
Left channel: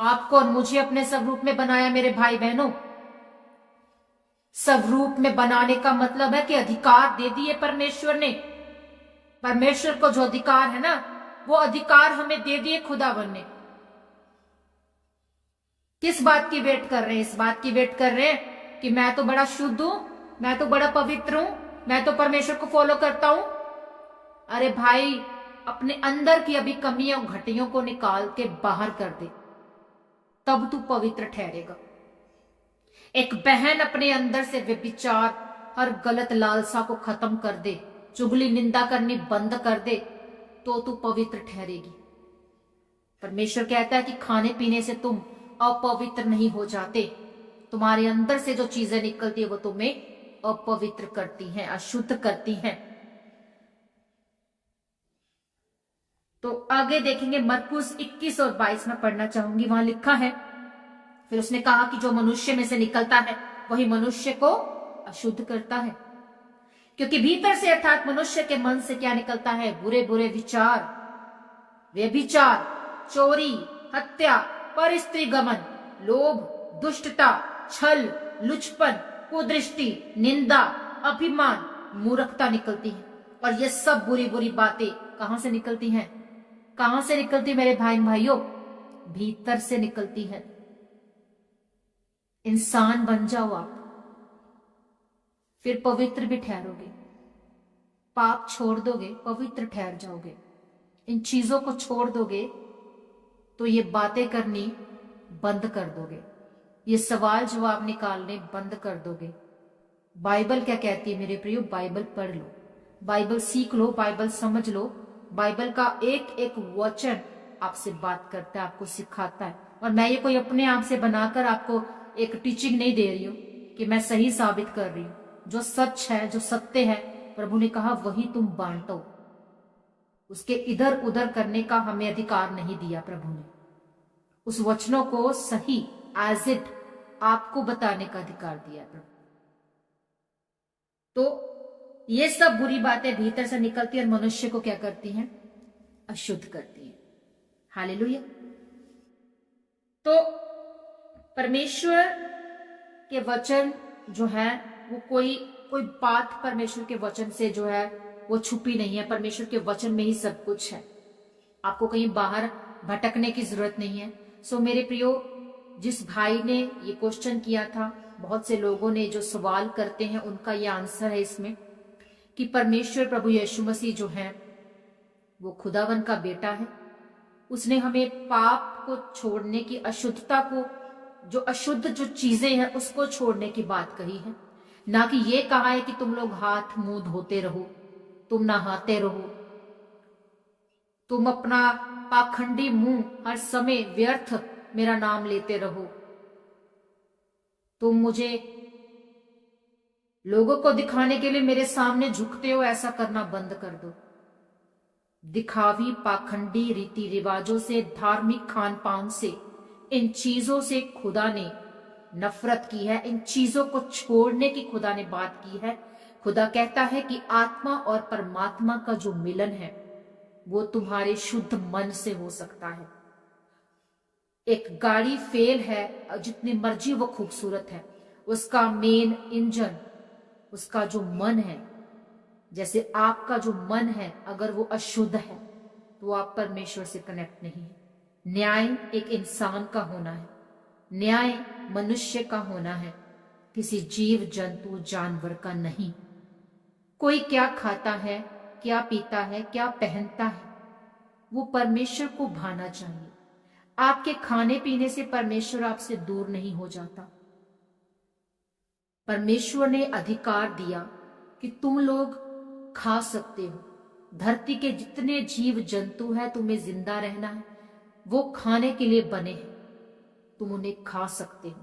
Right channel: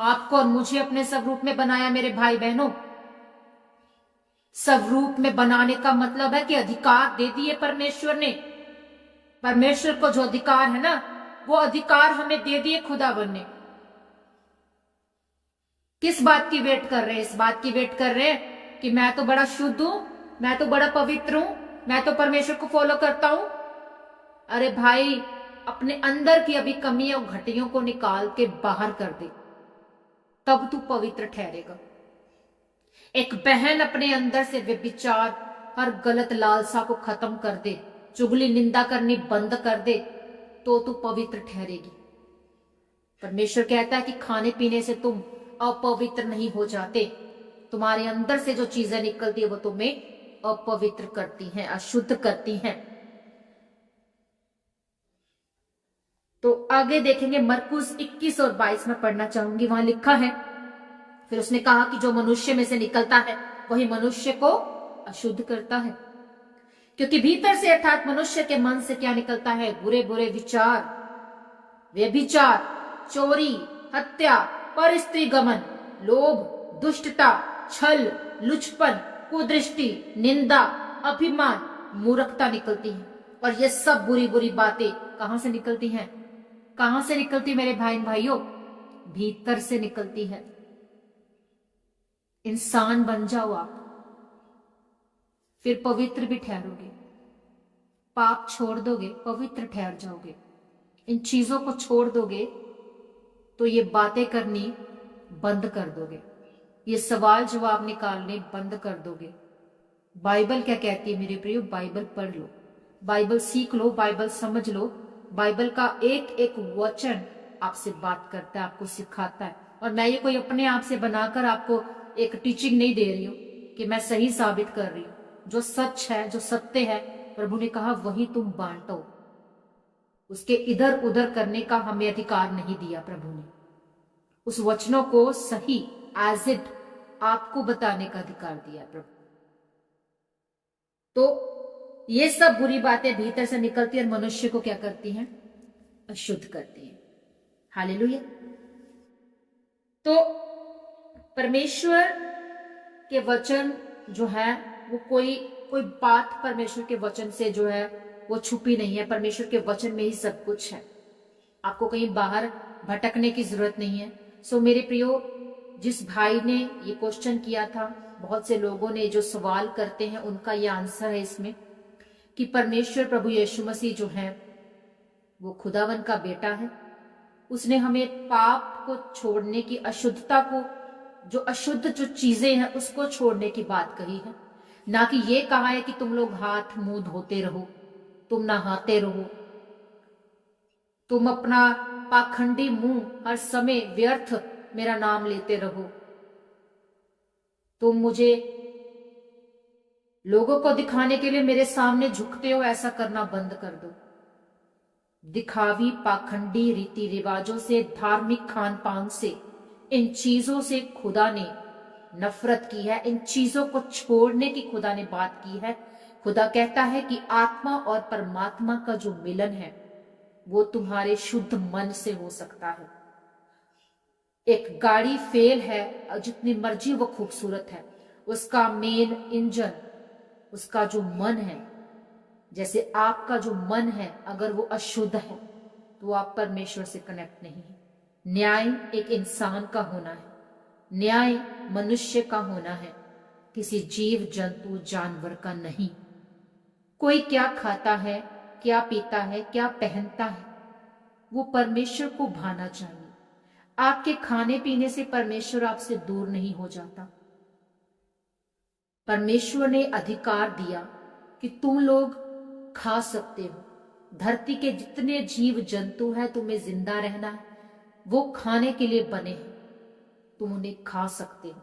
आपको और मुझे अपने स्वरूप में बनाया मेरे भाई बहनों। स्वरूप में बनाने का मतलब है कि अधिकार दे दिए परमेश्वर ने। परमेश्वर को जो अधिकार है ना, वो अधिकार हमें दे दिए खुदावन ने। किस बात की वेट कर रहे हैं? इस बात की वेट कर रहे हैं कि मैं तो बड़ा शुद्ध हूं, मैं तो बड़ा पवित्र हूं, मैं तो परमेश्वर को फॉलो करता हूं। अरे भाई, अपने अंदर की अभी कमियों घटियों को निकाल के बाहर कर दे, तब तू पवित्र ठहरेगा। एक बहन अपने अंदर से व्यभिचार, हर गलत लालसा को खत्म कर दे, चुगली निंदा करनी बंद कर दे, तो तू पवित्र ठहरेगी। परमेश्वर कहता है कि खाने पीने से तुम अपवित्र नहीं हो जाते। तुम्हारे अंदर से जो चीजें निकलती है वो तुम्हें अपवित्र करती हैं, अशुद्ध करती हैं। तो आगे देखेंगे मरकुस 21 और 22 में पढ़ना चाहूंगी। वहां लिखा है, फिर उसने कहा कि जो मनुष्य में से निकलता है वही मनुष्य को अशुद्ध करता है, क्योंकि भीतर से अर्थात मनुष्य के मन से क्या निकलता है? बुरे बुरे विचार, व्यभिचार, चोरी, हत्या, परस्त्री गमन, लोभ, दुष्टता, छल, लुचपन, कुदृष्टि, निंदा, अभिमान, मूर्खता निकलती है। और ये सब बुरी बुरी बातें कहां से निकलती हैं? कहां से निकलती मेरे भाई भाइयों? भीतर से निकलती है। इंसान बन जाओ आप, फिर पवित्र भी ठहरोगे। पाप छोड़ दोगे, पवित्र ठहर जाओगे। इन चीजों को छोड़ दोगे तो ये बातें करनी बंद कर दोगे, ये सवाल जवाब निकालने बंद कर दोगे। बाइबल क्या कहती है मेरे प्रियो? बाइबल पढ़ लो, बाइबल सीख लो, बाइबल समझ लो। बाइबल का एक एक वचन आपसे बात करता है, आपको सिखाता है। और मैं ये कोई अपने आप से बनाकर आपको एक टीचिंग नहीं दे रही हूं कि मैं सही साबित कर रही हूं। जो सच है, जो सत्य है, प्रभु ने कहा वही तुम बांटो। उसके इधर उधर करने का हमें अधिकार नहीं दिया प्रभु ने। उस वचनों को सही एज इट आपको बताने का अधिकार दिया प्रभु। तो ये सब बुरी बातें भीतर से निकलती है और मनुष्य को क्या करती हैं? अशुद्ध करती हैं। हालेलुया। तो परमेश्वर के वचन जो है वो कोई बात परमेश्वर के वचन से जो है वो छुपी नहीं है। परमेश्वर के वचन में ही सब कुछ है, आपको कहीं बाहर भटकने की जरूरत नहीं है। सो मेरे प्रियो, जिस भाई ने ये क्वेश्चन किया था, बहुत से लोगों ने जो सवाल करते हैं उनका ये आंसर है इसमें कि परमेश्वर प्रभु यीशु मसीह जो है वो खुदावन का बेटा है। उसने हमें पाप को छोड़ने की, अशुद्धता को, जो अशुद्ध जो चीजें हैं उसको छोड़ने की बात कही है, ना कि ये कहा है कि तुम लोग हाथ मुंह धोते रहो, तुम नहाते रहो, तुम अपना पाखंडी मुंह हर समय व्यर्थ मेरा नाम लेते रहो, तुम मुझे लोगों को दिखाने के लिए मेरे सामने झुकते हो, ऐसा करना बंद कर दो। दिखावी पाखंडी रीति रिवाजों से, धार्मिक खान पान से, इन चीजों से खुदा ने नफरत की है। इन चीजों को छोड़ने की खुदा ने बात की है। खुदा कहता है कि आत्मा और परमात्मा का जो मिलन है वो तुम्हारे शुद्ध मन से हो सकता है। एक गाड़ी फेल है, जितनी मर्जी वो खूबसूरत है, उसका मेन इंजन उसका जो मन है, जैसे आपका जो मन है, अगर वो अशुद्ध है तो आप परमेश्वर से कनेक्ट नहीं है। न्याय एक इंसान का होना है, न्याय मनुष्य का होना है, किसी जीव जंतु जानवर का नहीं। कोई क्या खाता है, क्या पीता है, क्या पहनता है, वो परमेश्वर को भाना चाहिए। आपके खाने पीने से परमेश्वर आपसे दूर नहीं हो जाता। परमेश्वर ने अधिकार दिया कि तुम लोग खा सकते हो। धरती के जितने जीव जंतु है, तुम्हें जिंदा रहना है, वो खाने के लिए बने हैं, तुम उन्हें खा सकते हो।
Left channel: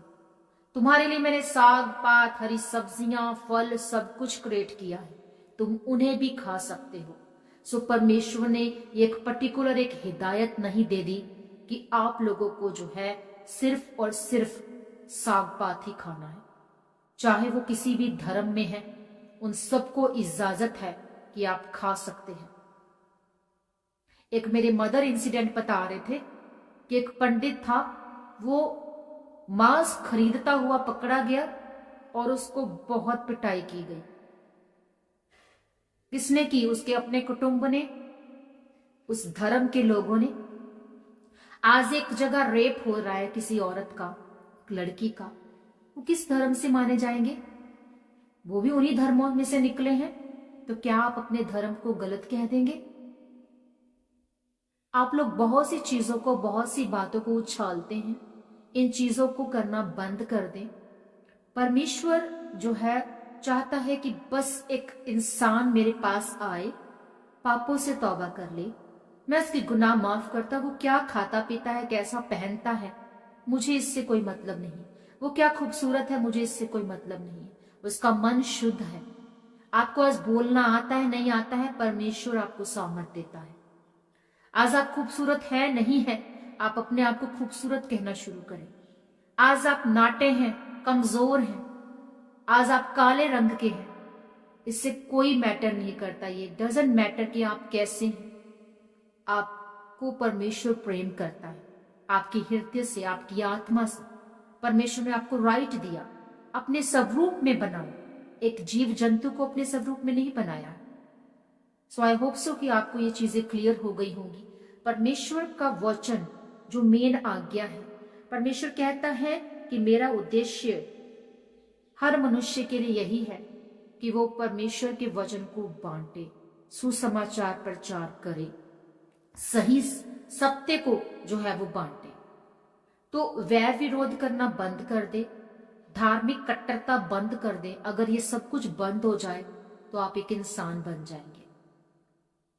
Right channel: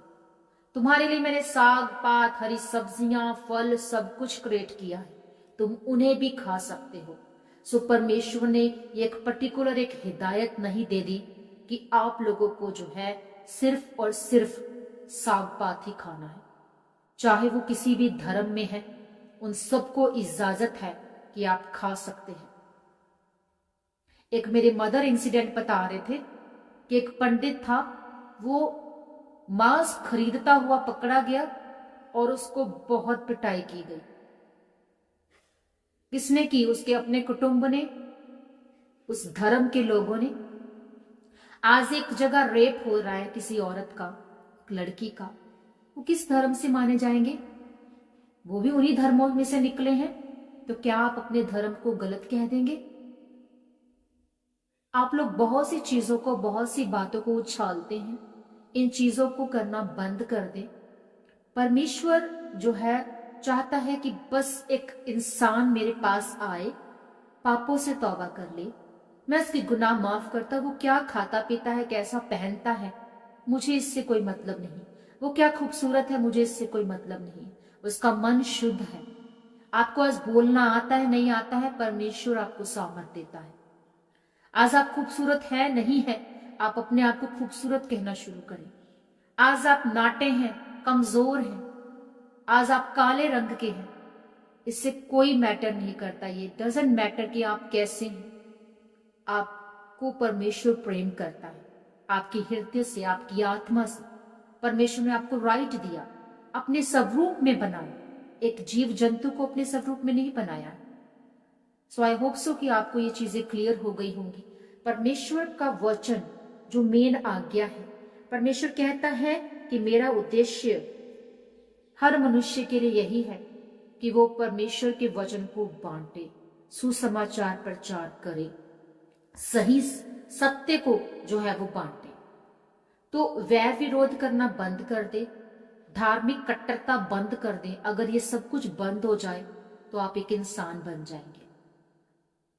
तुम्हारे लिए मैंने साग पात, हरी सब्जियां, फल सब कुछ क्रिएट किया है, तुम उन्हें भी खा सकते हो। सो परमेश्वर ने एक पर्टिकुलर एक हिदायत नहीं दे दी कि आप लोगों को जो है सिर्फ और सिर्फ साग पात ही खाना है। चाहे वो किसी भी धर्म में है, उन सबको इजाजत है कि आप खा सकते हैं। एक मेरे मदर इंसिडेंट बता रहे थे कि एक पंडित था, वो मांस खरीदता हुआ पकड़ा गया और उसको बहुत पिटाई की गई। किसने की? उसके अपने कुटुंब ने, उस धर्म के लोगों ने। आज एक जगह रेप हो रहा है किसी औरत का, लड़की का, वो किस धर्म से माने जाएंगे? वो भी उन्हीं धर्मों में से निकले हैं। तो क्या आप अपने धर्म को गलत कह देंगे? आप लोग बहुत सी चीजों को, बहुत सी बातों को उछालते हैं। इन चीजों को करना बंद कर दें। परमेश्वर जो है चाहता है कि बस एक इंसान मेरे पास आए, पापों से तौबा कर ले, मैं उसकी गुनाह माफ करता। वो क्या खाता पीता है, कैसा पहनता है, मुझे इससे कोई मतलब नहीं। वो क्या खूबसूरत है, मुझे इससे कोई मतलब नहीं। उसका मन शुद्ध है। आपको आज बोलना आता है, नहीं आता है, परमेश्वर आपको सामर्थ देता है। आज आप खूबसूरत है नहीं है, आप अपने आप को खूबसूरत कहना शुरू करें। आज आप नाटे हैं, कमजोर हैं, आज आप काले रंग के हैं, इससे कोई मैटर नहीं करता। ये डजंट मैटर कि आप कैसे हैं। आपको परमेश्वर प्रेम करता है, आपके हृदय से, आपकी आत्मा से। परमेश्वर ने आपको राइट दिया, अपने स्वरूप में बनाया। एक जीव जंतु को अपने स्वरूप में नहीं बनाया। सो आई होप सो कि आपको ये चीजें क्लियर हो गई होंगी। परमेश्वर का वचन जो मेन आज्ञा है, परमेश्वर कहता है कि मेरा उद्देश्य हर मनुष्य के लिए यही है कि वो परमेश्वर के वचन को बांटे, सुसमाचार प्रचार करे, सही सत्य को जो है वो बांटे। तो वैर विरोध करना बंद कर दे, धार्मिक कट्टरता बंद कर दे। अगर ये सब कुछ बंद हो जाए तो आप एक इंसान बन जाएंगे।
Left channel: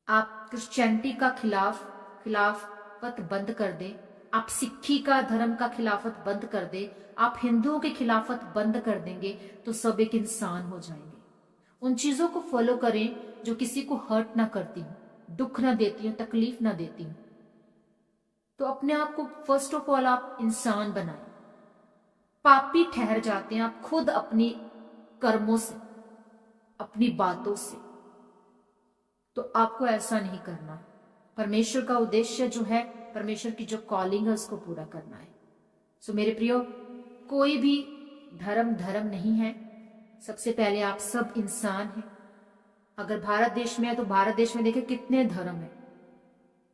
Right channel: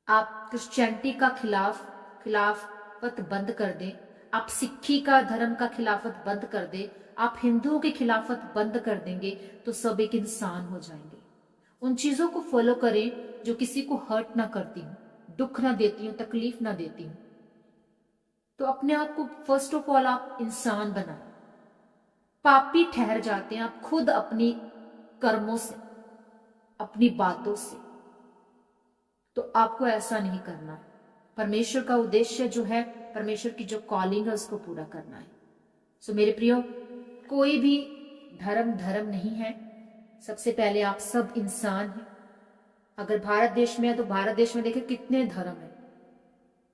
आप क्रिश्चियनिटी का खिलाफत बंद कर दें, आप सिक्खी का धर्म का खिलाफत बंद कर दें, आप हिंदुओं की खिलाफत बंद कर देंगे तो सब एक इंसान हो जाएंगे। उन चीजों को फॉलो करें जो किसी को हर्ट ना करती हूँ, दुख ना देती हूँ, तकलीफ ना देती हूँ। तो अपने आप को फर्स्ट ऑफ ऑल आप इंसान बनाएं। पापी ठहर जाते हैं आप खुद अपनी कर्मों से, अपनी बातों से। तो आपको ऐसा नहीं करना। परमेश्वर का उद्देश्य जो है, परमेश्वर की जो कॉलिंग है उसको पूरा करना है। सो मेरे प्रियो, कोई भी धर्म नहीं है। सबसे पहले आप सब इंसान हैं। अगर भारत देश में है तो भारत देश में देखिए कितने धर्म है,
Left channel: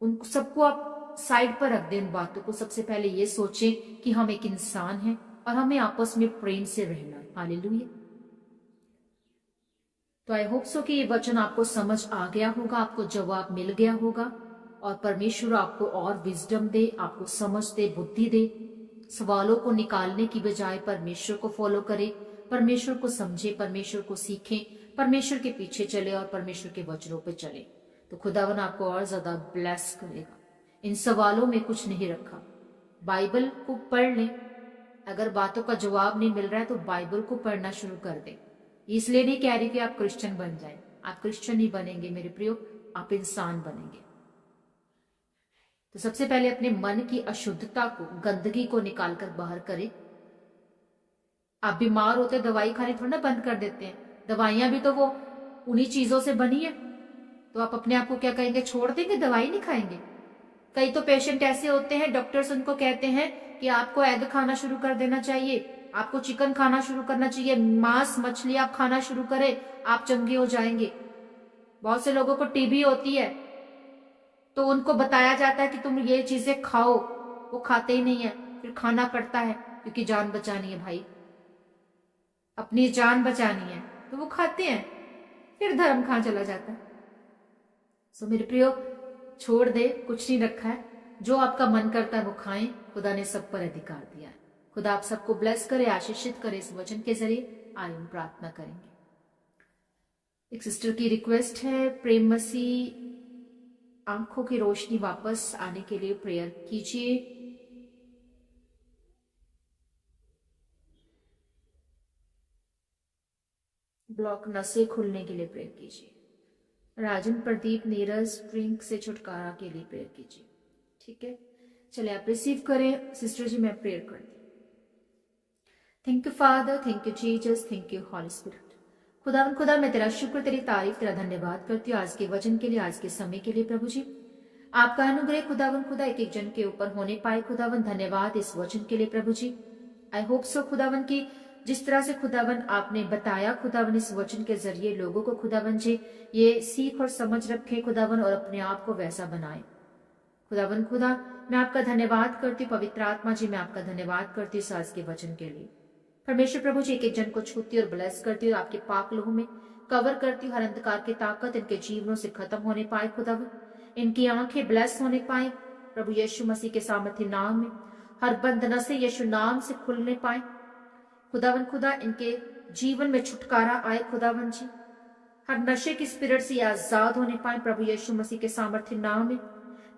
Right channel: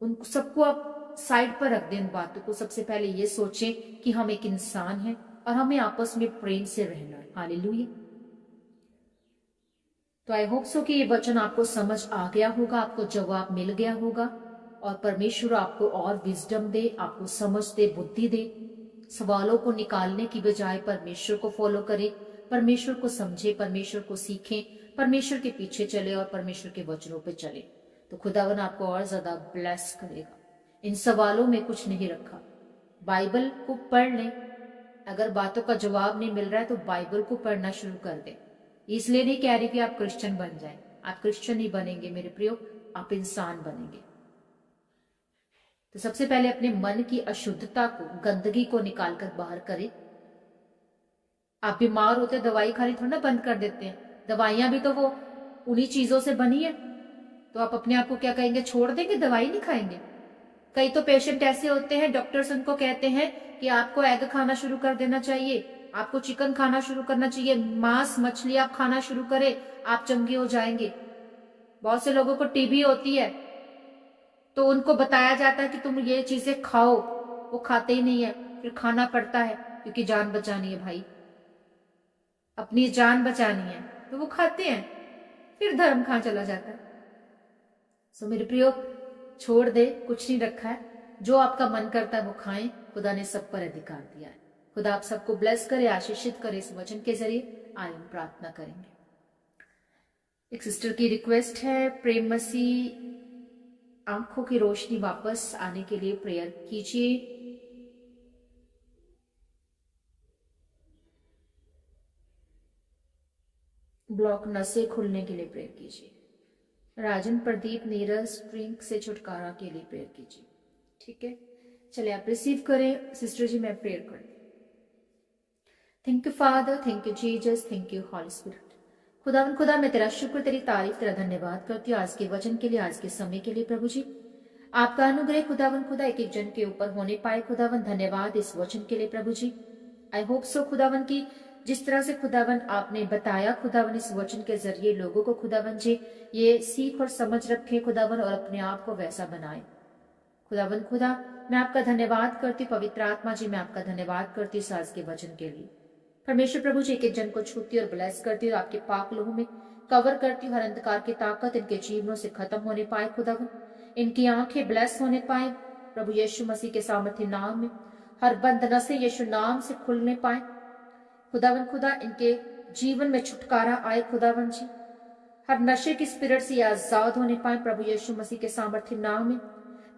उन सबको आप साइड पर रख दें। उन बातों को सबसे पहले ये सोचें कि हम एक इंसान हैं और हमें आपस में प्रेम से रहना है। हालेलुया। तो आई होप सो कि ये वचन आपको समझ आ गया होगा, आपको जवाब मिल गया होगा और परमेश्वर आपको और विजडम दे, आपको समझ दे, बुद्धि दे। सवालों को निकालने की बजाय परमेश्वर को फॉलो करें, परमेश्वर को समझे, परमेश्वर को सीखें, परमेश्वर के पीछे चले और परमेश्वर के वचनों पर चले। तो खुदावन आपको और ज्यादा ब्लेस करेगा। इन सवालों में कुछ नहीं रखा। बाइबल को पढ़ लें। अगर बातों का जवाब नहीं मिल रहा है तो बाइबल को पढ़ना शुरू कर दें। इसलिए नहीं कह रही कि आप क्रिश्चियन बन जाएं। आप क्रिश्चियन नहीं बनेंगे मेरे प्रियो, आप इंसान बनेंगे। तो सबसे पहले अपने मन की अशुद्धता को, गंदगी को निकालकर बाहर करें। आप बीमार होते दवाई खानी थोड़ा ना बंद कर देते हैं। दवाइयां भी तो वो उन्हीं चीजों से बनी है। तो आप अपने आप को क्या कहेंगे, छोड़ देंगे, दवाई नहीं खाएंगे? कई तो पेशेंट ऐसे होते हैं, डॉक्टर्स उनको कहते हैं कि आपको एग खाना शुरू कर देना चाहिए, आपको चिकन खाना शुरू करना चाहिए, मांस मछली आप खाना शुरू करें, आप चंगे हो जाएंगे। बहुत से लोगों को टीबी होती है तो उनको बताया जाता है कि तुम ये चीजें खाओ, वो खाते ही नहीं है, फिर खाना पड़ता है क्योंकि जान बचानी है भाई, अपनी जान बचानी है तो वो खाते हैं, फिर धर्म कहां चला जाता है। सो मेरे प्रियो, छोड़ दे, कुछ नहीं रखा है, जो आपका मन करता है वो खाएं, खुदा ने सब पर अधिकार दिया है। खुदा आप सबको ब्लेस करे, आशीषित करे इस वचन के जरिए। आइए हम प्रार्थना करेंगे। एक सिस्टर की रिक्वेस्ट है, प्रेम मसीह आंखों की रोशनी वापस आने के लिए प्रेयर कीजिए। ब्लॉक नसें खुलने के लिए प्रेयर कीजिए। राजन प्रदीप नीरज ड्रिंक से छुटकारा के लिए प्रेयर कीजिए। ठीक है, चलिए आप रिसीव करें। सिस्टर जी मैं प्रेयर करती हूँ। Thank you father, thank you Jesus, thank you holy spirit. खुदा मैं तेरा शुक्र, तेरी तारीफ, तेरा धन्यवाद करती हूँ आज के वचन के लिए, आज के समय के लिए। प्रभु जी आपका अनुग्रह खुदा एक एक जन के ऊपर होने पाए। खुदावन धन्यवाद इस वचन के लिए प्रभु जी। आई होप सो खुदावन की जिस तरह से खुदावन आपने बताया खुदावन इस वचन के जरिए लोगों को खुदावन जी ये सीख और समझ रखे खुदावन और अपने आप को वैसा बनाए। खुदावन मैं आपका धन्यवाद करती, पवित्र आत्मा जी मैं आपका धन्यवाद करती इस आज के वचन के लिए। परमेश्वर प्रभु जी एक एक जन को छूती और ब्लेस करती और आपके पाक लोगों में कवर करती हूँ। हर अंधकार की ताकत इनके जीवनों से खत्म होने पाए खुदावन, इनकी आंखें ब्लेस होने पाए प्रभु यीशु मसीह के सामर्थ्य नाम में। हर बंद नसें यीशु नाम से खुलने पाए खुदावन इनके जीवन में छुटकारा आए खुदावन जी। हर नशे की स्पिरिट से आजाद होने पाए प्रभु यीशु मसीह के सामर्थ्य नाम में।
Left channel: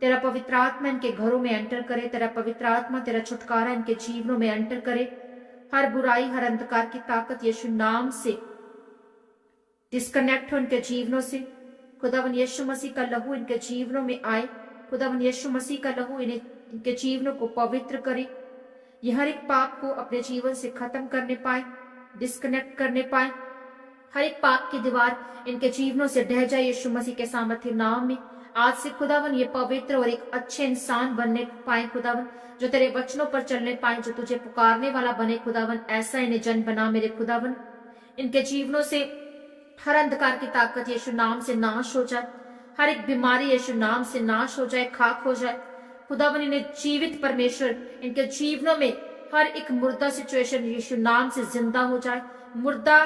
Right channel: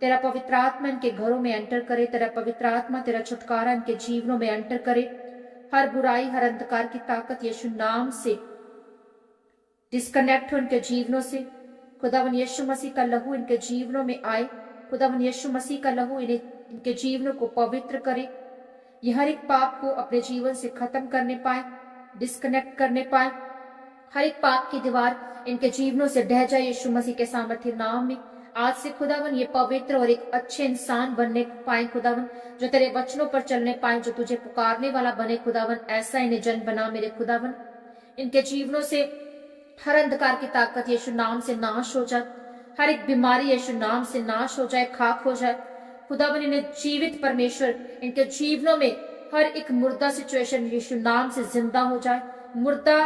तेरा पवित्र आत्मा इनके घरों में एंटर करे, तेरा पवित्र आत्मा तेरा छुटकारा इनके जीवनों में एंटर करे। हर बुराई हर अंधकार की ताकत यीशु नाम से डिस्कनेक्ट हो इनके जीवनों से। खुदावन यीशु मसीह का लहू इनके जीवनों में आए। खुदावन यीशु मसीह का लहू इनके जीवनों को पवित्र करे। ये हर एक पाप को अपने जीवन से खत्म करने पाए, डिस्कनेक्ट करने पाए। हर एक पाप की दीवार इनके जीवनों से ढह जाए यीशु मसीह के सामर्थ्य नाम में। आज से खुदावन ये पवित्र और एक अच्छे इंसान बनने पाए खुदावन, जो तेरे वचनों पर चलने पाए, जो तुझे पुकारने वाला बने खुदावन। ऐसा इन्हें जन बना मेरे खुदावन। इनके जीवनों से हर अंधकार की ताकत यीशु नाम से नाश हो जाए। हर एक बीमारी यीशु नाम से नाश हो जाए, खाक हो जाए खुदावन। इन्हें जीवित परमेश्वर इनके जीवनों में हर एक मुर्दा सिचुएशन यीशु नाम से जिंदा हो जाए। मुर्दा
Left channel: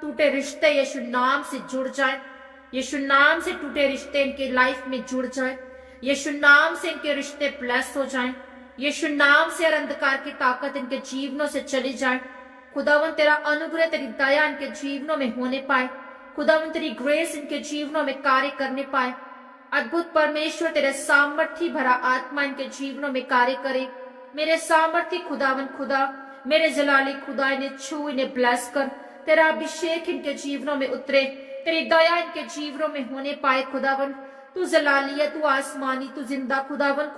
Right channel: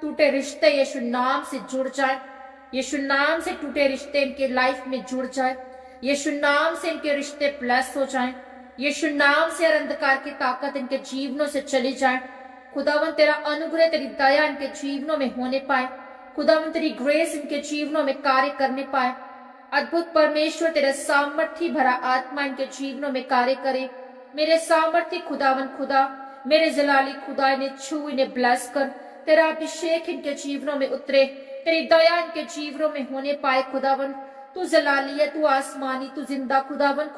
टूटे रिश्ते यीशु नाम से जुड़ जाए। यीशु नाम से टूटे रिश्ते इनके लाइफ में जुड़ जाए। यीशु नाम से इनके रिश्ते ब्लेस हो जाएं। यीशु नाम से हर अंधकार की ताकत इनके जीवनों से चली जाए। खुदावन तेरा अनुग्रह तेरी दया इनके जीवनों में होने पाए। खुदावन तेरी ग्रेस इनके जीवनों में कार्य करने पाए। अद्भुत परमेश्वर तेरे सामर्थ्य भरा आत्मा इनके जीवनों में कार्य करे। मेरे सामर्थ्य खुदावन मेरे जलाली खुदा इन्हें छू, इन्हें ब्लेस कर। तेरा अभिषेक इनके जीवनों में उतरे, तेरी दया इनके जीवनों में होने पाए खुदावन। तू जलाली है, तू आसमानी, तू जिंदा खुदावन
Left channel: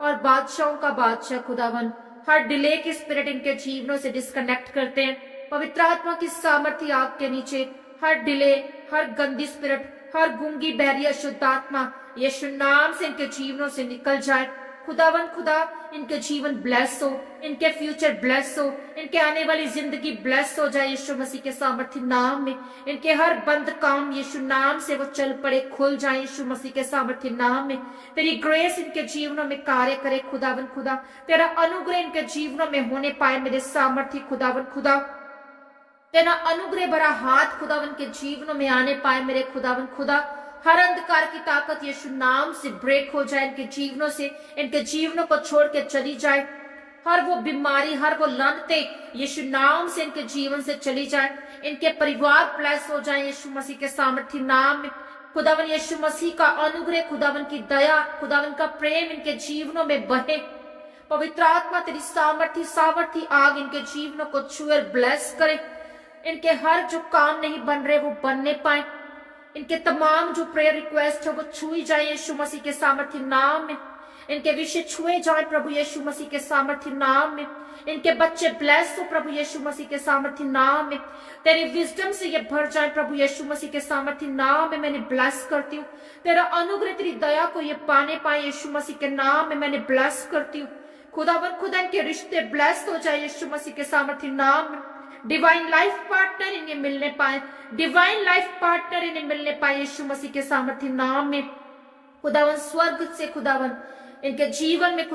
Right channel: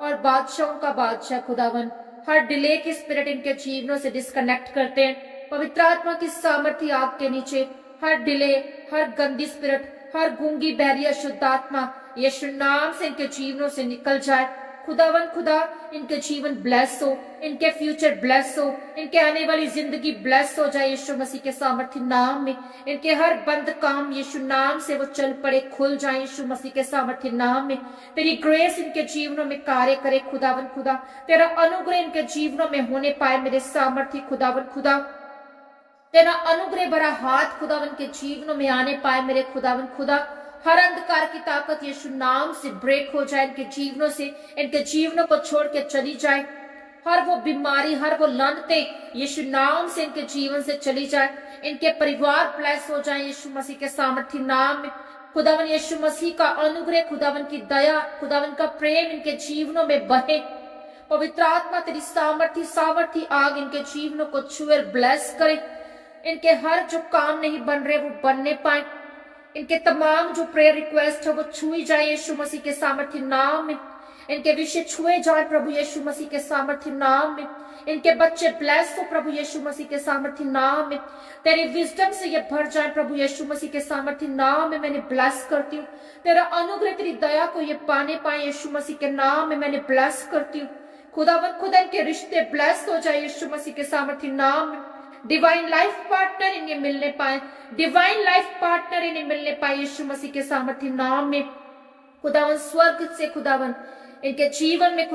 और बादशाहों का बादशाह खुदावन। हर डिले की स्पिरिट इनके जीवनों से डिस्कनेक्ट करते हैं पवित्र आत्मा की सामर्थ्य आग के नीचे। हर डिले, हर गंदी स्पिरिट, हर गूंगी बहरी अशुद्ध आत्मा यीशु नाम से इनके जीवनों से निकल जाए खुदावन। इनके जीवन ब्लेस हो, इनके फ्यूचर ब्लेस हो, इनके आने वाली जिंदगी ब्लेस हो जाए यीशु मसीह के सामर्थ्य नाम में। इनके हर बंद काम यीशु नाम से वो चल पड़े, खुल जाए यीशु मसीह के सामर्थ्य नाम में। तेरी ग्रेस इनके जीवनों में कार्य करे खुदावन तेरा अनुग्रह इनके जीवनों में होने पाए मेरे सामर्थ्य खुदावन तेरा अनुग्रह भरा हाथ खुदावन के जीवनों में आने पाए मेरे खुदावन हर अंधकार की ताकत यीशु नाम से ब्रेक हो जाए इनके जीवनों से, इनके जीवनों को छोड़ के चली जाए। हर वो बीमारी, हर वो लानते यीशु नाम से इनके जीवन से चली जाए। इनके परिवार ब्लेस हो जाए यीशु मसीह के सामर्थ्य नाम में। खुदावन यीशु मसीह का अनुग्रह, खुदावन की दया, खुदावन का प्रेम इनके जीवनों में बहे। पवित्र आत्मा तेरी सामर्थ्य आग इनके जीवनों को छुए, ब्लेस करे। इनके हर जो काम नहीं बन रहे वो बनने पाए। इनके तमाम जो प्रेयर रिक्वेस्ट है वो छुई जाए यीशु मसीह के सामर्थ्य नाम में। इनके विषय छुए जाए प्रभु यीशु मसीह के सामर्थ्य नाम में। इनके बच्चे ब्लेस हो प्रभु यीशु मसीह के सामर्थ्य नाम में। तेरी विजडम से ये भर जाए प्रभु यीशु मसीह के सामर्थ्य नाम में। मैंने ब्लेस करती हूँ। तेरा अनुग्रह, तेरी दया को ये पाने पाए यीशु मसीह के नाम में। मैंने ब्लेस करती हूँ खुदा इनके रिश्ते ब्लेस हो जाए यीशु मसीह के सामर्थ्य नाम में। डिवाइन लाइफ पार्टनर इन्हें मिलने पाए, डिवाइन लाइफ पार्टनर इन्हें मिलने पाए यीशु मसीह के सामर्थ्य नाम में। स्वर्ग से इनके जीवन में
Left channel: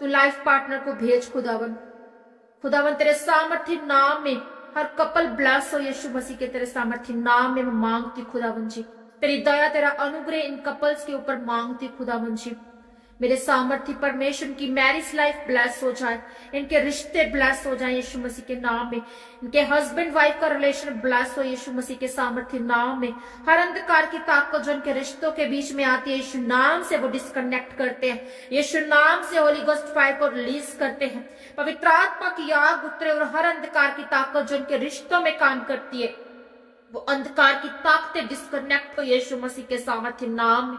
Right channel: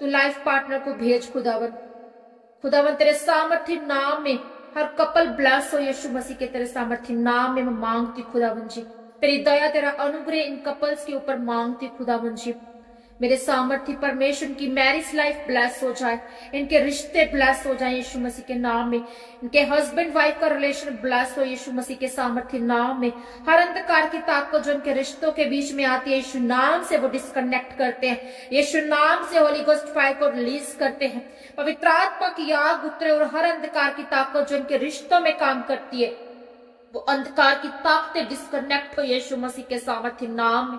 तू लाइफ पार्टनर को भेज खुदावन। खुदावन तेरे सामर्थ्य नाम में हर कपल ब्लेस हो यीशु मसीह के तेरे सामर्थ्य नाम में मैं मांगती खुदावन जी। तेरी दया तेरा अनुग्रह इन कपल्स के ऊपर मांगती खुदावन जी। मेरे सामर्थ्य परमेश्वर की मैरिज लाइफ ब्लेस हो जाए, इनके रिश्ते ब्लेस हो जाए यीशु मसीह के नाम में। इनके हस्बैंड वाइफ का रिलेशन ब्लेस हो यीशु मसीह के सामर्थ्य नाम में। हर अंधकार की ताकत जो इनके रिश्तों के बीच में आती है यीशु नाम से वो डिस्कनेक्ट करते हैं। यीशु नाम से होली गोस्ट फायर को रिलीज करते हैं। पवित्र आत्मा की आग उतरे और हर अंधकार की ताकत जो इनके रिश्तों में काम करती है वो अंधकार की ताकतें डिस्कनेक्ट हो यीशु मसीह के सामर्थ्य नाम में।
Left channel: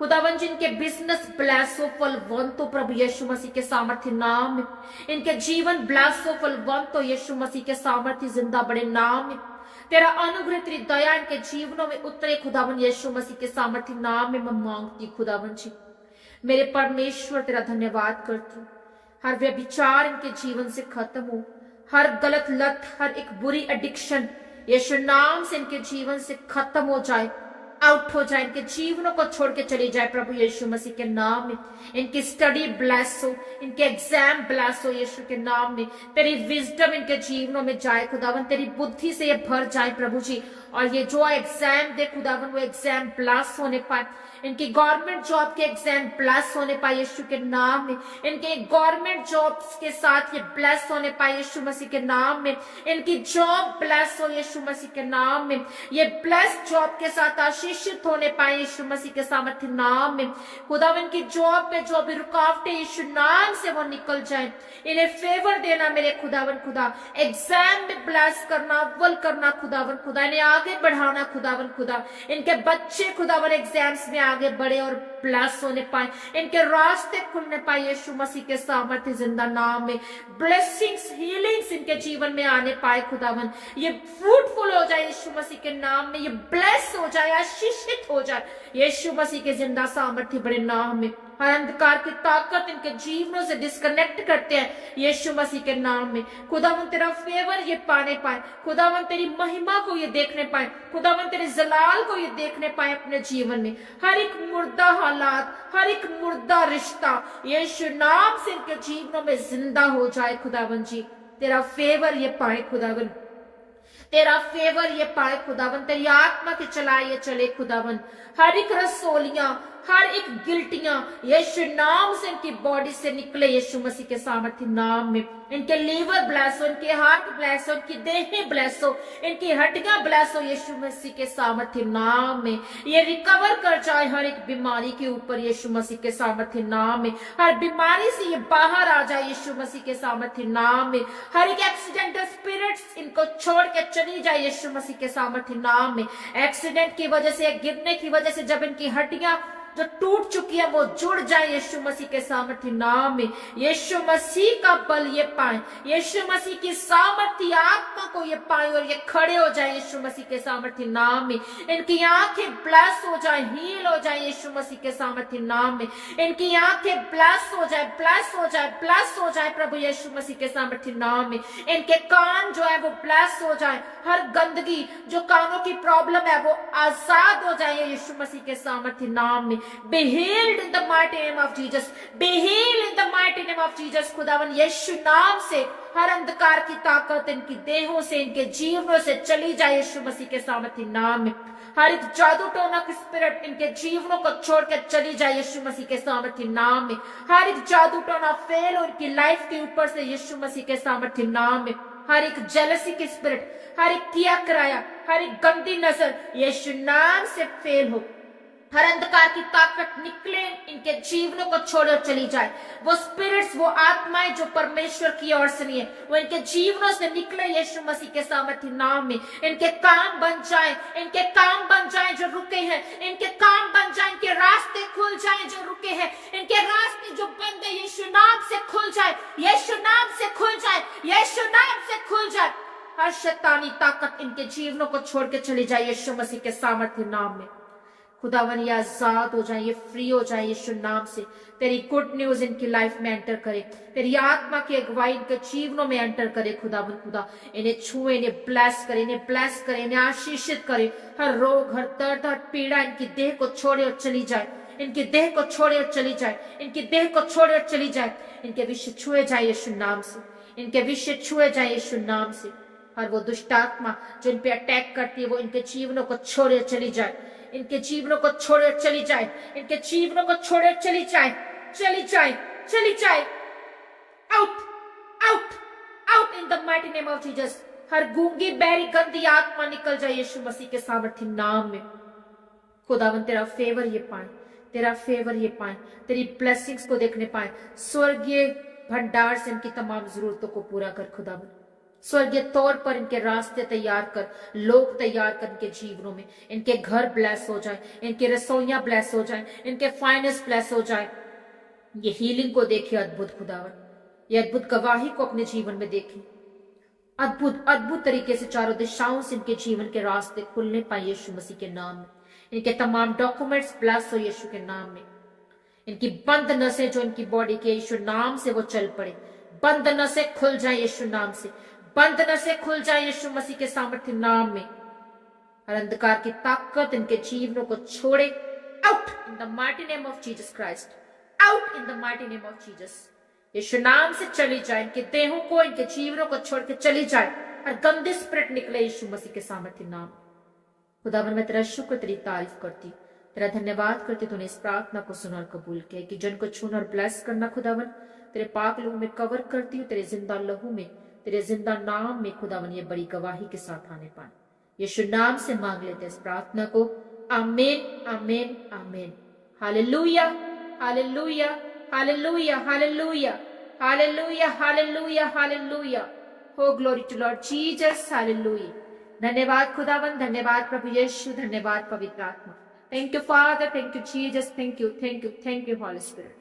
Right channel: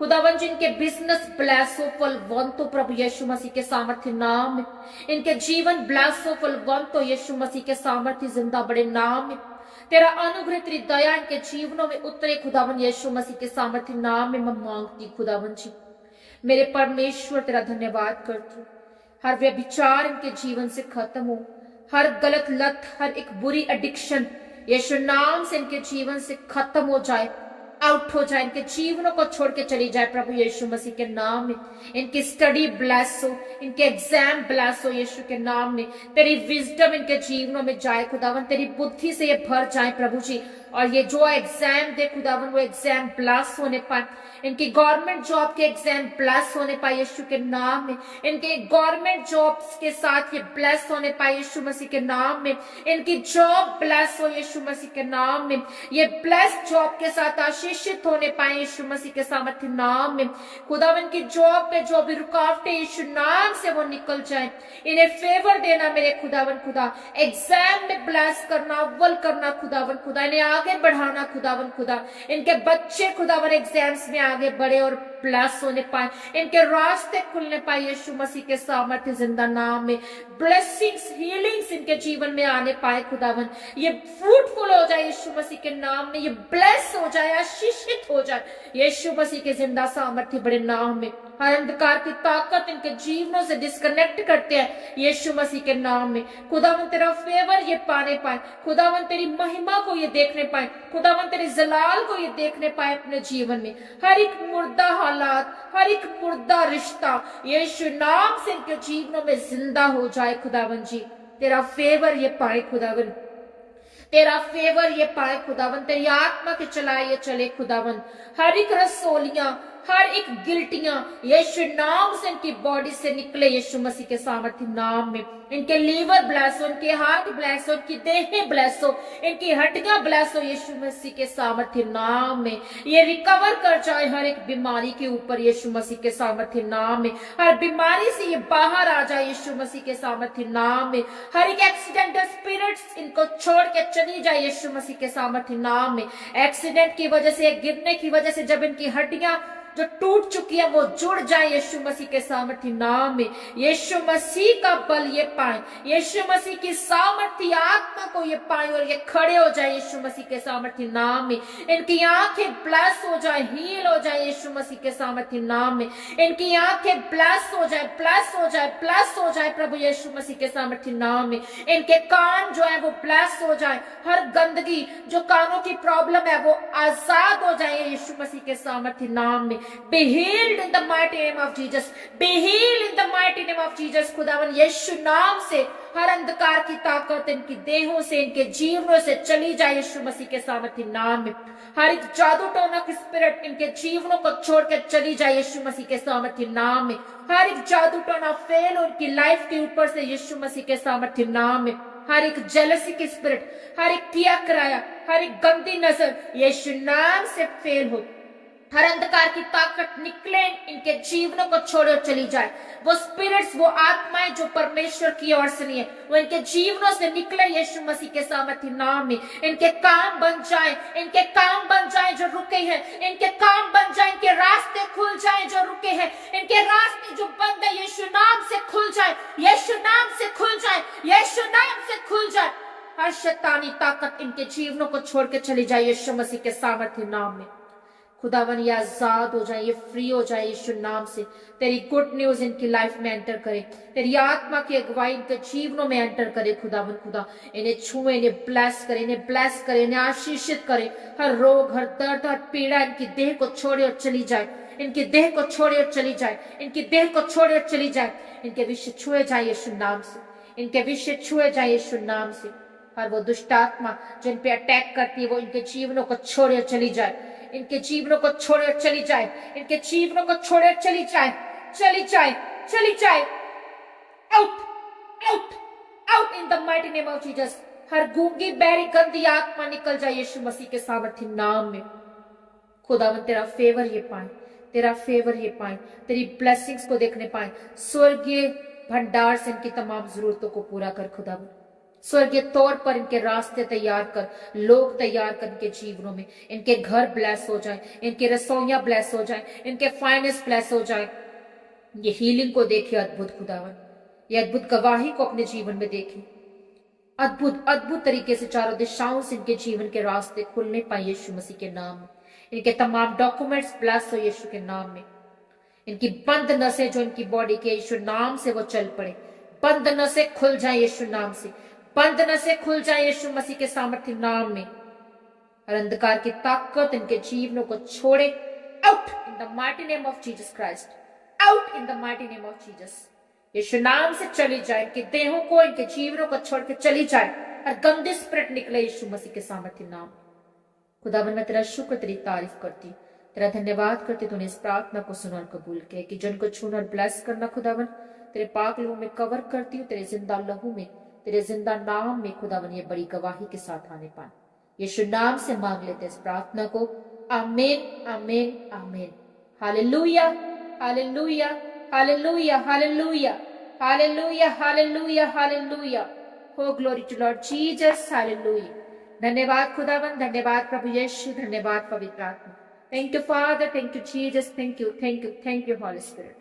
खुदावन जी इनके बिजनेस ब्लेस हो फलवंत हो प्रभु यीशु मसीह के सामर्थ्य नाम में। इनके जीवन ब्लेस हो फलवंत हो यीशु मसीह के सामर्थ्य जिंदा बड़े नाम में। तेरा अनुग्रह तेरी दया इनके जीवनों में उतरे खुदावन यीशु मसीह के सामर्थ्य नाम में मैं मांगती खुदावन जी। मेरे परमेश्वर तेरा धन्यवाद करती हूँ। हर व्यभिचार इनके जीवन से खत्म हो, हर गलत लत, हर एक बुरी एडिक्शन यीशु नाम से इनके जीवन से खत्म हो जाए, आउट हो जाए, इनके जीवनों को छोड़ के चली जाए प्रभु यीशु मसीह के नाम में। इनकी स्टडी ब्लेस हो, इनके एग्जाम ब्लेस हो यीशु के नाम में। तेरी विजडम इनके जीवनों में जाए खुदावन, तेरी बुद्धि से ये भर जाए प्रभु जी। और ये जो एग्जाम दे खुदावन वो एग्जाम ब्लेस होने पाए। इनकी गवर्नमेंट जॉब के एग्जाम ब्लेस होने पाए यीशु के नाम में। इनके गवर्नमेंट जॉब्स के साथ ये ब्लेस होने पाए यीशु मसीह के नाम में। इनकी जॉब ब्लेस हो यीशु मसीह के नाम में। ये ब्लेस जॉब के साथ आशीषित होने पाए यीशु मसीह के सामर्थ्य नाम में। खुदावन की जॉब पे जो भी रुकावटें यीशु नाम से वो निकल जाए। इन्हें फेवर देना मेरे खुदावन खुदा, एग्जाम में ब्लेस करना, अव्वल करना खुदावन खुदा, इन्हें आगे बढ़ाना खुदावन खुदा। इनके बच्चे खुदावन एग्जाम्स में आगे बढ़े और ब्लेस होने पाए, इनके रास्ते खुलने पाए यीशु मसीह के सामर्थ्य जिंदा नाम में। ब्लेसिंग्स, हीलिंग्स इनके जीवन में आने पाए खुदावन। ये फ्रूटफुल हो जाए यीशु मसीह के नाम में। ये ब्लेस हो जाए, आशीषित हो जाए यीशु मसीह के जिंदा सामर्थ्य बड़े नाम में। हर अंधकार की ताकत इनके जीवनों से डिस्कनेक्ट करते हैं यीशु मसीह के नाम में। खुदावन तेरा फेवर ये पाने पाए, खुदावन तेरी महिमा को ये देखने पाए, खुदावन तेरे जलाल को ये देखने पाए अपने जीवन में। हर एक मुर्दा हालात, हर एक मुर्दा रिश्ता यीशु नाम से इनके जीवनों में जिंदा हो जाए खुदावन जी। तेरा फेवर ये पाए खुदावन, तेरा फेवर ये पाए खुदावन। तेरी आत्मा के चलाए ये चले खुदावन। हर एक रसोलियां, हर एक गिल्टियां यीशु नाम से इनकी बॉडी से निकले यीशु मसीह के सामर्थ्य नाम में। इनके लीवर ब्लेस हो, इनके हार्ट ब्लेस हो, इनकी देहें ब्लेस हो, इनकी हड्डियां ब्लेस हो यीशु मसीह के सामर्थ्य नाम में। ये रिकवर कर जाए हर एक बीमारी के ऊपर यीशु मसीह के सामर्थ्य नाम में। हर बीमारी से ये बाहर आ जाए यीशु मसीह के सामर्थ्य नाम में। हर एक एक्सीडेंटल स्पिरिट्स इनको छोड़ के चली जाए यीशु मसीह के सामर्थ्य नाम में। एक्सीडेंट की वजह से, गिरने की वजह से जब इनकी हड्डियां जो टूट चुकी है वो जुड़ जाए यीशु मसीह के सामर्थ्य नाम में। यीशु मसीह का बल ये पाए, यीशु मसीह की सामर्थ्य आत्मा को ये पाए और ये खड़े हो जाए यीशु मसीह के सामर्थ्य नाम में। इनकी आंखें ब्लेस हो जाए, हील हो जाए यीशु मसीह के सामर्थ्य नाम में। इनकी आंखें ब्लेस हो जाए, ब्लेस हो जाए, ब्लेस हो जाए प्रभु यीशु मसीह के सामर्थ्य नाम में। इनके कान जो है वो ब्लेस हो जाए, हर गंदगी जो कानों की प्रॉब्लम है वो आजाद हो जाए यीशु मसीह के सामर्थ्य नाम में। Be healed in the mighty name of Jesus. Be healed in the mighty name of Jesus. खुदावन यीशु नाम से हर अंधकार की ताकत इनकी देहों से, इनके जीवनों से चली जाए यीशु मसीह के सामर्थ्य नाम में। हर एक जादू टोना की स्पिरिट इनके जीवनों को छोड़ के चली जाए यीशु मसीह के सामर्थ्य नाम में। हर एक जादू टोना फेल हो इनकी लाइफ के ऊपर से यीशु मसीह के सामर्थ्य नाम में। हर एक जेलसी की स्पिरिट, हर एक किया कराया, हर एक गंदी नजर यीशु नाम से फेल हो। हर अंधकार की ताकत निकले इनके जीवनों को छोड़ो चली जाए। वो स्पिरिट्स, वो आत्माएं जो परमेश्वर की ओर से नहीं है वो इनके जीवनों से निकले यीशु मसीह के सामर्थ्य नाम में। इनके काम बन जाए, इनके काम बन जाए जो रुके हैं, इनके काम बन जाए, इनके रास्ते खुल जाए जो रुके हैं, इनके रास्ते जो बंद है यीशु नाम से खुल जाए, यीशु नाम से खुल जाए, यीशु नाम से खुल जाए। हर शैतानी ताकत इनके जीवनों को छोड़ के चली जाए यीशु मसीह के सामर्थ्य नाम में। खुदावन ये आजाद हो जाए, ये फ्री हो जाए यीशु नाम से। तेरी गुड न्यूज इनकी लाइफ में एंटर करे, तेरी आत्मा की अगुवाई इनके जीवनों में एंटर करे खुदावन खुदा। इन्हें छुए, इन्हें ब्लेस करे, इन्हें ब्लेस करे, इन्हें आशीषित करे। हर रोग, हर दर्द, हर पीड़ा इनकी देह को छोड़े और चली जाए। इनकी देह को छोड़े और चली जाए, इनकी देह को छोड़े और चली जाए, इनके विषय छुए जाए यीशु नाम से, इनके विषय छुए जाए यीशु नाम से। हर वो दुष्ट आत्मा जो इन पे अटैक करती है वो इनके जीवनों को छोड़े और चली जाए, इनके जीवनों को छोड़े और चली जाए, इनके जीवनों को छोड़े और चली जाए, चली जाए, चली जाए। Out, out, out in the mighty name of Jesus. हर गूंगी बहरी गंदी आत्मा निकल जाए यीशु मसीह के सामर्थ्य नाम में। खुदावन तेरा फेवर ये पाए, तेरा फेवर ये पाए, तेरी ब्लेसिंग्स को देखने पाए। स्वर्गीय भंडार से इनकी तमाम जरूरतों को पूरा कर खुदावन। स्वर्गीय तौर पर इनके रास्ते तैयार कर, लोग तैयार कर इनके जीवनों में। इनके घर ब्लेस हो जाए, इनके रसोइयां ब्लेस हो जाए, इनके फाइनेंस ब्लेस हो जाए। ये हीलिंग को देखे अद्भुत खुदावन, ये अद्भुत गवाही को अपने जीवन में देखे। अद्भुत अद्भुत तरीके से चारों दिशाओं से इनके जीवन के रास्ते खुलने पाए यीशु मसीह के नाम में। इनके तमाम डॉक्यूमेंट्स ब्लेस हो यीशु के नाम में। इनकी बंद नसें जो इनकी बॉडी के यीशु नाम से वो चल पड़े, बंद नसें खुल जाए यीशु नाम से, बंद नसें खुल जाए यीशु मसीह के सामर्थ्य नाम में। हर अंधकार की ताकत इनके जीवनों को छोड़े। Out in the mighty name of Jesus Christ, out in the mighty name of Jesus. यीशु नाम से चली जाए, इनके देहों को, इनके जीवनों को छोड़ के चली जाए। हर गंदी स्पिरिट निकले यीशु मसीह के सामर्थ्य नाम। खुदावन मैं तेरा शुक्र, तेरी तारीफ करती, तेरा धन्यवाद करती तूने इस प्रार्थना को सुना और कबूल किया कि जन को छूना और ब्लेस करना। खुदावन तेरे पाक लहू में कवर करती हूँ, तेरे जिंदा लहू में, तेरे जिंदा नाम में खुदावन ये बड़ी गवाही के साथ आने पाए। यीशु नाम से मांग लेते इस प्रार्थना को। आमीन, आमीन, आमीन। Hallelujah, hallelujah, hallelujah, hallelujah, hallelujah, hallelujah, hallelujah. हो glory to Lord Jesus, hallelujah. धन्यवाद खुदावन, धन्यवाद प्रभु यीशु, धन्यवाद पवित्र आत्मा। Thank you father, thank you Jesus, thank you, thank you, thank you holy spirit,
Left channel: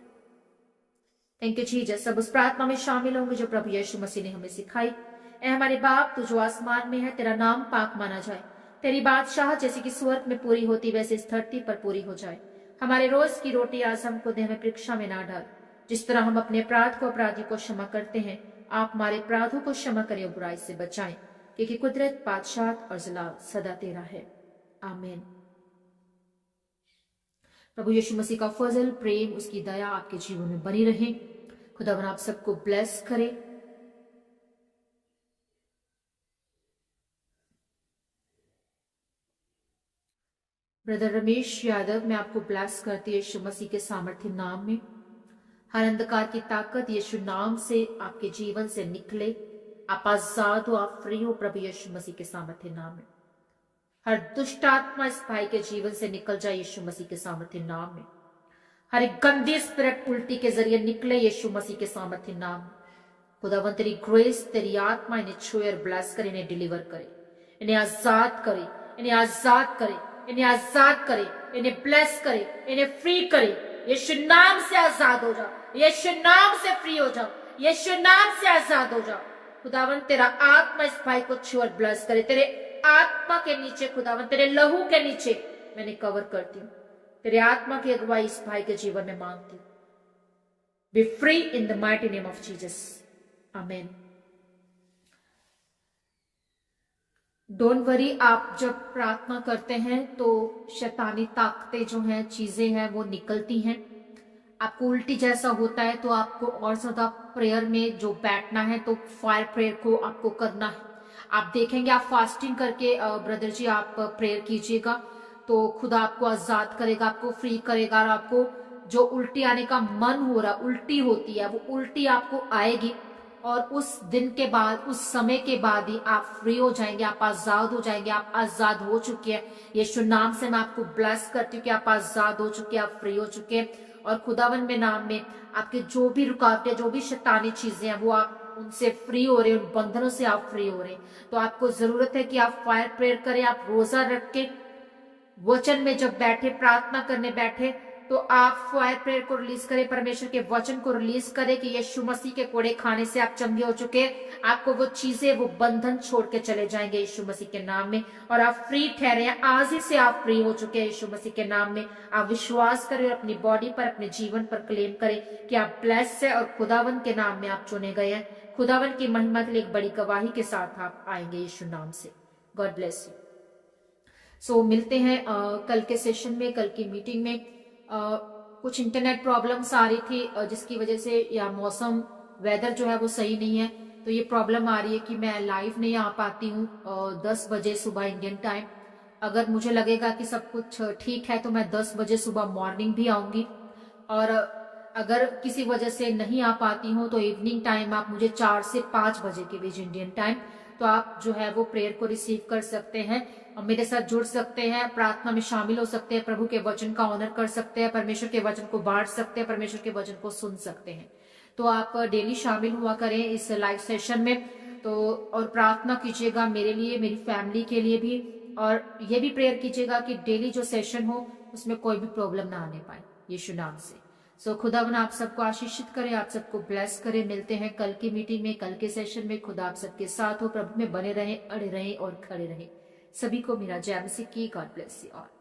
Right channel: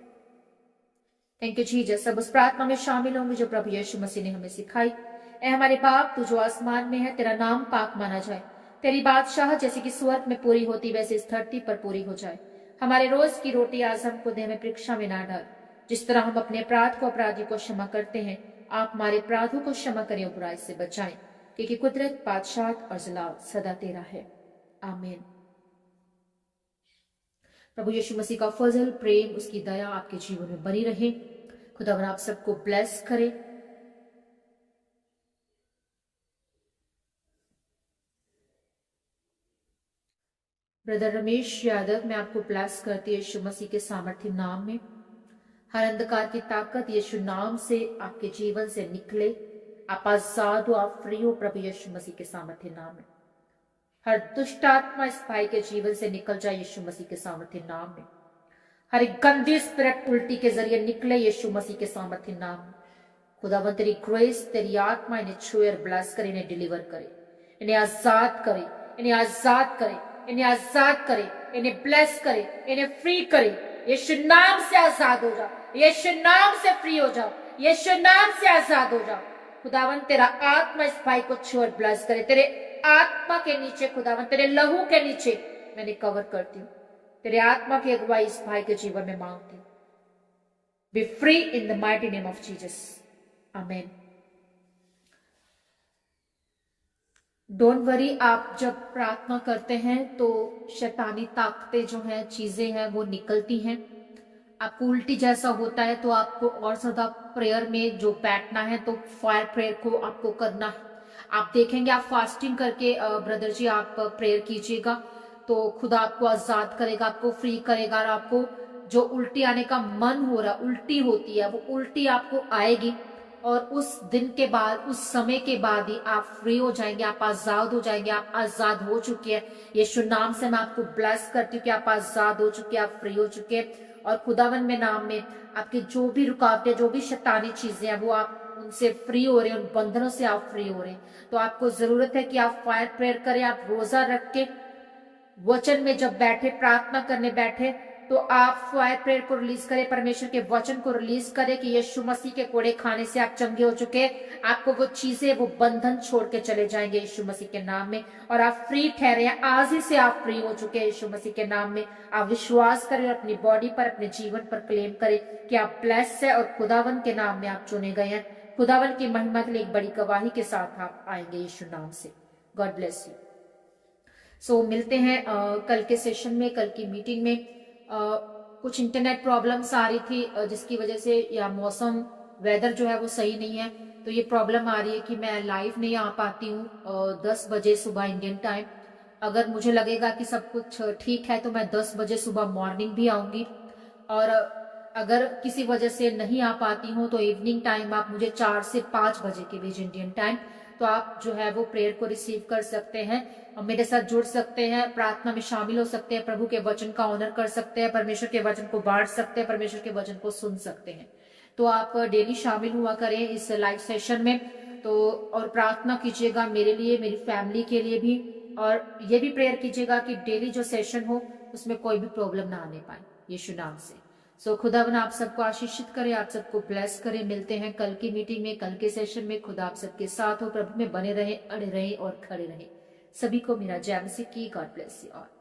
thank you Jesus. सब उस प्रार्थना में शामिल होंगे जो प्रभु यीशु मसीह ने हमें सिखाई। ऐ हमारे बाप तू जो आसमान में है, तेरा नाम पाक माना जाए, तेरी बादशाह जैसे कि स्वर्ग में पूरी होती वैसे इस धरती पर पूरी हो जाए। हमारे रोज की रोटी आज हमको दे, हमें परीक्षा में ना डाल, जिस तरह हम अपने अपराध को अपराधी को क्षमा करते हैं, आप हमारे अपराधों को क्षमा करें और बुराई से बचाएं, क्योंकि कुदरत, बादशाह और जलाल सदा तेरा है। आमीन। प्रभु यीशु मसीह का फजल, प्रेम, उसकी दया आपके जीवन में बनी रहे। खुदावन आप सबको ब्लेस करे। ब्रदर रमेश यादव मैं आपको ब्लेस करती है यीशु मसीह के सामर्थ्य नाम में। हर अंधकार की ताकत यीशु नाम से आपके जीवन से निकले। आप आजाद हो, आप फ्री हो प्रभु यीशु मसीह के सामर्थ्य नाम में। हर दुष्ट आत्मा इस भाई के जीवन से निकल जाए यीशु मसीह के सामर्थ्य नाम में। हर एक गंदी स्पिरिट उल्टी के जरिए निकले यीशु मसीह के सामर्थ्य नाम में। खुदावन तेरी ग्रेस, तेरी आत्मा इन्हें छुए और ब्लेस करे, इन्हें डिलीवर करे, इन्हें आजाद करे, इन्हें आजाद करे, इन्हें आजाद करे, इन्हें ब्लेस करे, इन्हें फ्री करे। यीशु नाम से आजाद हो जाओ, यीशु नाम से फ्री हो जाओ, यीशु नाम से आजाद हो जाओ। खुदावन तेरा आत्मा इस भाई को छू और ब्लेस करे। तेरे आत्मा के नीचे खुदावन, तेरे लहू के नीचे मैंने कवर करती हूँ। तेरे आत्मा की अगुवाई इस भाई के जीवन में मांगती हूँ। B free in the mighty name of Jesus, आमीन। डोंट वरी, आप जब प्रार्थना करते हैं तो शैतानी ताकतें जो हैं, चीजें हैं, वो निकलती हैं। आपको उल्टी जैसा होता है तो आपको और ज्यादा प्रेयर में जो बैठना है, तो फायर प्रेयर को आपको करना है। आप देखेंगे, आप फास्टिंग करके ब्रदर जी आप प्रेयर कीजिएगा तो खुदा आपको आजाद करेगा, आपको फ्री करेगा। और आपको जो उल्टी आने का मन हो रहा है, उल्टी होती है, वो उल्टी आपको आएगी और उस दिन के बाद, उस समय के बाद ही आप फ्री हो जाएंगे, आप आजाद हो जाएंगे। आप आजाद हो चुके हैं। यीशु नाम से मैं आपको ब्लेस करती हूँ कि आप आजाद हो चुके हैं, आप फ्री हो चुके हैं। और खुदावन में नाम में आपके जो भी रुकावटें, जो भी शैतानी चीजें हैं, वो आप उनसे फ्री हो रहे हैं, उन बंधनों से आप फ्री हो रहे हैं। तो आपको जरूरत है कि आप फायर प्रेयर करें। आप रोजा रख के वचन में जब बैठे, प्रार्थना करने बैठे, तो आप फायर प्रेयर को रिलीज करें, परमेश्वर के वचन को रिलीज करें कि यीशु मसीह के कोड़े खाने से आप चंगे हो चुके। आपको वो चीजें, वो बंधन छोड़ के चले जाएंगे यीशु मसीह के नाम में, और आप फ्री ठहरे हैं। आज ही से आप फ्री हो चुके हैं यीशु मसीह के नाम में। आप विश्वास करें और अपनी बॉडी पर, अपने जीवन पर क्लेम करें कि आप ब्लेस्ड है और खुदावन के नाम में आप चुने गए हैं। खुदावन की महिमा के लिए एक बड़ी गवाही के साथ आप आएंगे यीशु नाम से। God bless you. सो मिलते हैं कल के सेशन में, कल की मीटिंग में। कुछ इंटरनेट प्रॉब्लम्स आ रही थी जिसकी वजह से या मौसम वेदर जो है वो सही नहीं है, तो ये प्रॉब्लम आ रही है कि मैं लाइव नहीं आ पाती हूँ 10 बजे सुबह इंडियन टाइम। अगर मुझे लगेगा कि सब कुछ ठीक है तो मैं 10 बजे सुबह मॉर्निंग भी आऊंगी, और अगर किसी वजह से नहीं आ पाती हूँ तो इवनिंग टाइम आप मुझे 4 से 5 बजे के बीच इंडियन टाइम, तो आप जो है वो प्रेयर को रिसीव कर सकते हैं और मेरे साथ जुड़ सकते हैं, प्रार्थना में शामिल हो सकते हैं, प्रभु के वचन का ऑनर कर सकते हैं, परमेश्वर के वचन को बांट सकते हैं, परमेश्वर के वचन को सुन सकते हैं। तो आप डेली शामिल हुआ करें इस लाइव सेशन में, तो और प्रार्थना कीजिएगा मेरे लिए, मेरी फैमिली के लिए भी, और ये भी प्रेयर कीजिएगा कि डेली जो सेशन हो उसमें कोई भी प्रॉब्लम ना आने पाए यीशु नाम से। सो खुदावन आप सबको आशीषित करे, आप सबको ब्लेस करे। मिलते हैं कल की मीटिंग में, कल के सेशन में। खुदा आप सबके साथ हो, प्रभु में बने रहे, अड़े रहे और खड़े रहे। सभी को मेरा जय मसीह की। God bless you all.